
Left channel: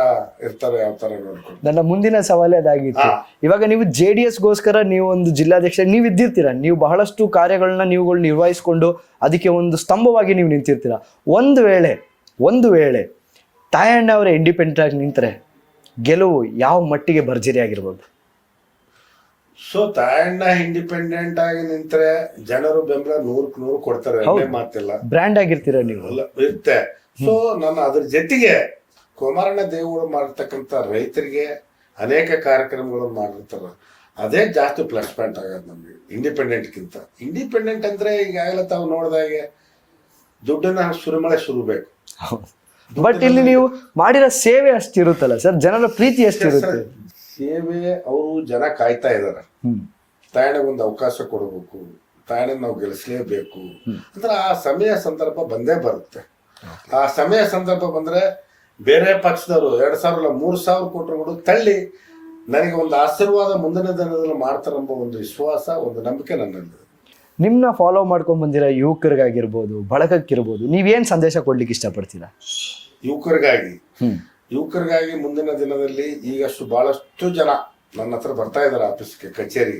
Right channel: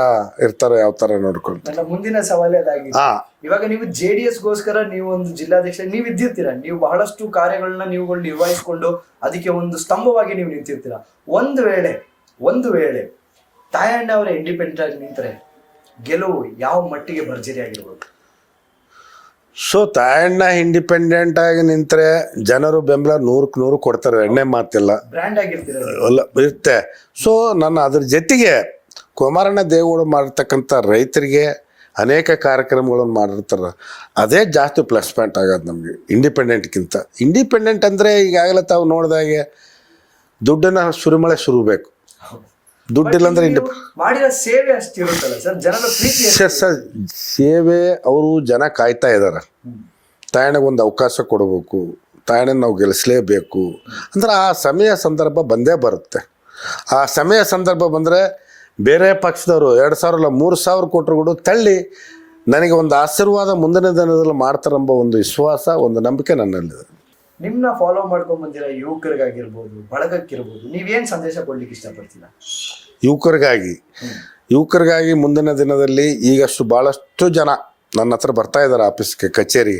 ಇರ್ತಾರೆ, ಯಾವ ಥರ ನೋಡ್ಕೊಂಡು. ನನ್ನ ಮುಂದಿನ ಸವಾಲೇ ಅದಾಗಿತ್ತು. ಇವಾಗ ನೀವು JDS ಗೋಸ್ಕರ ನೀವು ಒಂದು ಜಿಲ್ಲಾಧ್ಯಕ್ಷ ನೀವು ಇದ್ದಿರ್ತೀರಾ, ನೀವು ಬಹಳಷ್ಟು ಕಾರ್ಯಗಳನ್ನ ನೀವುಗಳು ನಿರ್ವಹಿಸಿಕೊಂಡು ಅದಕ್ಕೆ ಒಂದು ಸ್ತಂಭವಾಗಿ ನೀವು ನಿಂತಿರ್ತೀರಾ. ಒಂದು ವೇಳೆ ತಾಯಣ್ಣ ಅವರ ಇಂಡಿಪೆಂಡೆಂಟ್ ಆಗಿ ನಿಂತರೆ ಗೆಲುವು ಯಾವ ಮಟ್ಟಿಗೆ ಭರ್ಜರಿ ಆಗಿರ್ಬೋದು? ಸೊ ತಾಯಣ್ಣ ಇಂಡಿಪೆಂಡೆಂಟ್ ಆಗಿ ನಿಂತರೆ ಜನರು ಬೆಂಬಲ 100% ಕೊಡ್ತಾರೆ, ಎಣ್ಣೆ ಮಾತಿಲ್ಲ. ಬ್ರ್ಯಾಂಡ್ ಆಗಿರ್ತೀರ ಇರುತ್ತೆ. ಸೊ ನನ್ನ ಅದ್ರ ಜೊತೆಗೆ ಕುಮಾರಣ್ಣ ದೇವೇಗೌಡ ಮಾಡಿರ್ತಕ್ಕಂಥ ರೈತರಿಗೆ ಅನೇಕ ಕಾರ್ಯಕ್ರಮಗಳನ್ನು ಮಾಡಿರ್ತಾರೆ. ಅದೇ ಜಾಸ್ತಿ ಪ್ಲಸ್ ಪಾಯಿಂಟ್ ಆಗೋದು ನಮಗೆ ಇಂಡಿಪೆಂಡೆಂಟ್ಗಿಂತ. ಇಂಡಿಪೆಂಡೆಂಟ್ ಅಂದರೆ ಈಗಾಗಲೇ ತಾವು ನೋಡಿದಾಗೆ ದುಡ್ಡನ್ನ ಸುರಿಮಳೆ ಸುರಬೇಕು. ನೀವು ಮಾಡಿರೋ ಸೇವೆ ಅಷ್ಟಿರುತ್ತಲ್ಲ ಸರ್, ಜನರ ಪ್ರೀತಿ ಸೇವೆ. ಅವರು ಜನ ಕಾಯ್ತಾ ಇದಾರೆ, ತಾಯಣ್ಣಗೊಂದು ಅವಕಾಶ ಕೊಡಬೇಕು, ತಾಯಣ್ಣ ನಾವು ಗೆಲ್ಲಿಸಲೇಬೇಕು ಅಂದ್ರೆ ಆ ಸಮಯ ಸಂದರ್ಭ ಬಂದೇ ಬರುತ್ತೆ. ಆ ಸಮಯ ಸಂದರ್ಭ ಬಂದರೆ ಬೇರೆ ಪಕ್ಷದವರು 2,000 3,000 ಕೊಟ್ಟರು ಕೂಡ ತಳ್ಳಿ ನನಗೆ ಒಂದು ಆಶೀರ್ವಾದ ಮುಂದಿನ ದಿನದಲ್ಲಿ ಮಾಡ್ತಾರೆಂಬ ಒಂದು ವಿಶ್ವಾಸ, ಒಂದು ನಂಬಿಕೆ ನನ್ನಲ್ಲಿದೆ. ನಿಮ್ಮನ್ನ ಫಾಲೋ ಮಾಡ್ಕೊಂಡ್ ಬಂದಿರೋ ಯುವಕರಿಗಾಗಿರ್ಬೋದು, ಬಳಗಕ್ಕಿರ್ಬೋದು, ನೀವೇನು ಸಂದೇಶ ಕೊಡ್ಲಿಕ್ಕೆ ಇಷ್ಟಪಡ್ತೀರಾ? ಯುವಕರಿಗಾಗಿ ಮುಂದಿನ ದಿನದಲ್ಲಿ ಈಗಷ್ಟು ಭಾಳಷ್ಟು ಜನ ನನ್ನ ಹತ್ರ ಬರ್ತಾ ಇದ್ದಾರೆ ಆಫೀಸ್ಗೆ, ಕಚೇರಿ.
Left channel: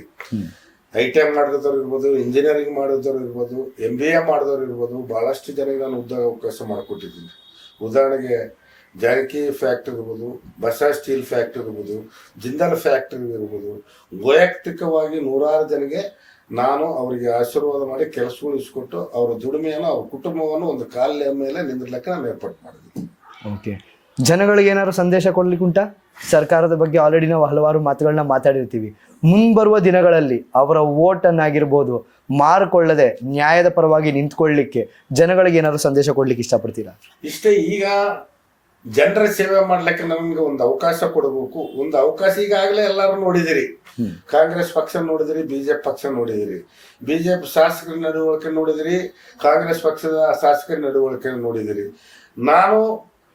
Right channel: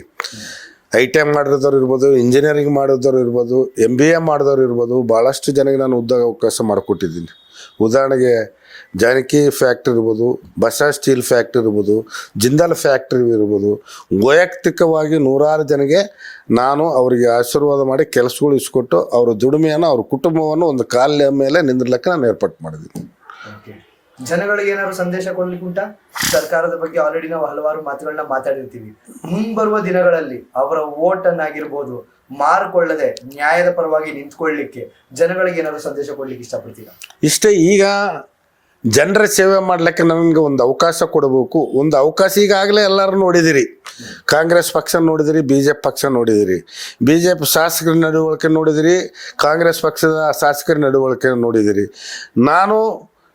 ITI ಮಾಡಿದವರು ಇರ್ಬೋದು, ಇಂಜಿನಿಯರಿಂಗ್ ಮಾಡಿದವರು ಇರ್ಬೋದು, MBA ಮಾಡಿದವರು ಇರ್ಬೋದು, ಭಾಳಷ್ಟು ಜನಕ್ಕೆ ನಾನು ಉದ್ಯೋಗ ಅವಕಾಶ ಮಾಡಿಕೊಟ್ಟಿದ್ದೀನಿ. ಉದಾಹರಣೆಗೆ ಜಾನಕಿ ಫ್ಯಾಕ್ಟ್ರಿ ಇರ್ಬೋದು, ಬಸಾ ಸ್ಟೀಲ್ ಫ್ಯಾಕ್ಟ್ರಿ ಇರ್ಬೋದು, ಜಿಂದಾಲ್ ಫ್ಯಾಕ್ಟ್ರಿ ಇರ್ಬೋದು, ವೈಯಕ್ತಿಕವಾಗಿ 100 ಜನಗೆ ನಾನು ಅವರಿಗೆ ಆಶೀರ್ವಾದ ಮಾಡಿ ಕೆಲಸಗಳು ಇಸ್ಕೊಟ್ಟು ಅವರ ದುಡಿಮೆಯನ್ನು, ಅವ್ರ ಕುಟುಂಬವನ್ನು ಒಂದು ಕಾಲ ಮೇಲೆ ನಿಂದಿರ್ಲಿಕ್ಕೆ ನಾನು ಏರ್ಪಾటు ಮಾಡಿದ್ದೀನಿ. ಓಕೆ, ಜನಗಳಿಗೆ ಏನಾದ್ರು ಸಂದೇಶ ಕೊಡ್ಲಿಕ್ಕೆ ಉಂಟಾ? ಸರ್ಕಾರದ ಬಗ್ಗೆ ಆಲ್ರೆಡಿ ನಾವು ಹಲವಾರು ಮಾತುಗಳನ್ನ ಮಾತಾಡಿರ್ತೀವಿ. ಮುಂಬರುವ ದಿನಗಳಲ್ಲಿ ಅವರ ಓಟನ್ನಾಗಿರ್ಬೋದು ಮಾರಿಕೊಳ್ಳದೆ ನ್ಯಾಯದ ಪರವಾಗಿ ನಿಂತ್ಕೊಳ್ಳಿಕ್ಕೆ ಜನಗಳಿಗೆ ಏನಾದ್ರು ಸಂದೇಶ ಕೊಡ್ಲಿಕ್ಕೆ ಇಷ್ಟಪಡ್ತೀರಾ? ಇಷ್ಟೇ. ಈಗ ಜನರ ಸೇವೆ ಮಾಡ್ಲಿಕ್ಕೆ ನನಗೆ ಒಂದು ಅವಕಾಶ ಕೊಡಬೇಕು. ಒಂದು ಅವಕಾಶ ಈಗಾಗಲೇ ಎಲ್ಲರೂ ನೋಡಿದಿರಿ. ಕಾಂಗ್ರೆಸ್ ಪಕ್ಷ ನೋಡಿದಿರಿ, BJP ಪಕ್ಷ ನೋಡಿದಿರಿ, BJP ಶಾಸಕರ ನಡವಳಿಕೆ ನೋಡಿದಿರಿ, ಕಾಂಗ್ರೆಸ್ ಪಕ್ಷದ ಶಾಸಕರ ನಡವಳಿಕೆ ನೋಡಿದಿರಿ. ನಾನು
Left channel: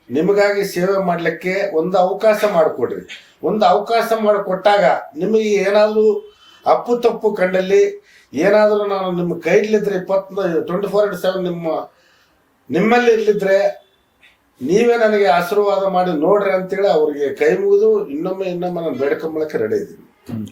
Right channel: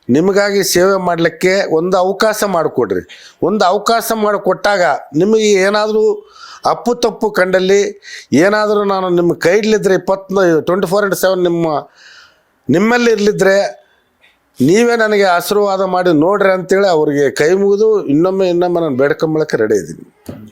ನಿಮಗಾಗಿ ಸೇವೆ ಮಾಡಲಿಕ್ಕೆ ಒಂದು ಅವಕಾಶ ಮಾಡಿಕೊಡ್ರಿ. ಒಂದು ಅವಕಾಶ ಮಾಡಿಕೊಟ್ಟಾಗ ನಿಮಗೆ ಏನಾದರೂ ಅಪ್ಪು ತಪ್ಪು ಕಂಡಲ್ಲಿ ಏನಾದರೂ ನಾನು ನಿಮ್ಮ ಕೈ ಇಡ್ಲಿದ್ರೆ 24/7 ನಿಮ್ಮಲ್ಲಿ ಇರ್ಲಿದ್ರೆ ನೀವೇ ನನಗೆ ಆಶೀರ್ವಾದ ಮಾಡಿ ನೋಡ್ರಿ ಅಂತೇಳಿ ಅವ್ರಿಗೆ ಕೈ ಮುಗಿದು ಇನ್ನೊಮ್ಮೆ ನಾನು ಬೇಡ್ಕೊಂಬಳಕ್ಕೆ ರೆಡಿ ಇದ್ದೀನಿ.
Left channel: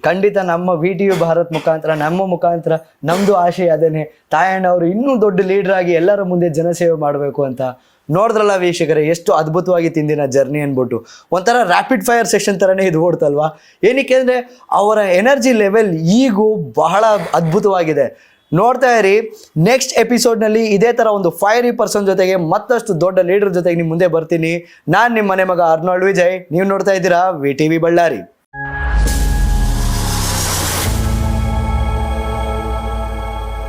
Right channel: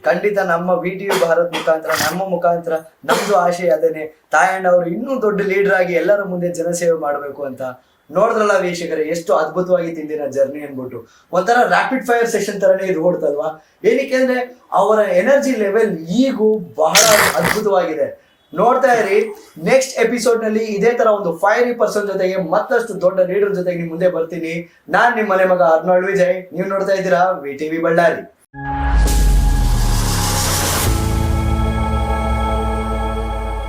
ಖಂಡಿತ ನಮ್ಮ VTV ಭಾರತ್ ಮುಖಾಂತರ ನಮ್ಮ ಮುಖಾಂತರ ನಮ್ದು ಆಶಯ ಅದೇನೆ, ತಾಯಣ್ಣ ಅವರು ಇನ್ನೂ ದೊಡ್ಡ ಲೀಡರ್ ಆಗಿ ಎಲ್ಲರ ಮುಂದೆ ಜನಸೇವೆ ಮಾಡಬೇಕು ಅಂತ. ನೋಡಿದ್ರಲ್ಲ ವೀಕ್ಷಕರೇ, ಎಷ್ಟು ಅದ್ಭುತವಾಗಿ ತಿಂದಿನ ಜರ್ನಿ ಅನ್ಬಿಟ್ಟು ಒಂಥರ ರ್ಯಾಪಿಡ್ ಫೈರ್ ಸೆಷನ್ ತರನೇ ಇದು ಓಡ್ತಲ್ವಾ. ಏನಕ್ಕೆ ಅಂದ್ರೆ ಅವರ ಎನರ್ಜಿ ಲೆವೆಲ್ ಈಗೂ ಬಹಳ ಅದ್ಭುತವಾಗಿದೆ. ನೋಡ್ತಾ ಇರಿ, ನೆಕ್ಸ್ಟ್ ಎಪಿಸೋಡ್ನಲ್ಲಿ ಇದೇ ತರ ಒಂದು ಫೈರಿ ಪರ್ಸನ್ ಜೊತೆಗೆ ಮತ್ತಷ್ಟು ದೊಡ್ಡ ಲೀಡರ್ ಜೊತೆಗೆ ನಿಮ್ ಮುಂದೆ ಬರ್ತೀನಿ. ನಾನ್ ನಿಮ್ಮ ಮನೆ ಮಗ ಅರ್ನಾಲ್ಡ್ ವಿಜಯ್. ನೀವು ನೋಡ್ತಾ ಇದ್ದೀರಾ VTV ಬಳ್ಳಾರಿ.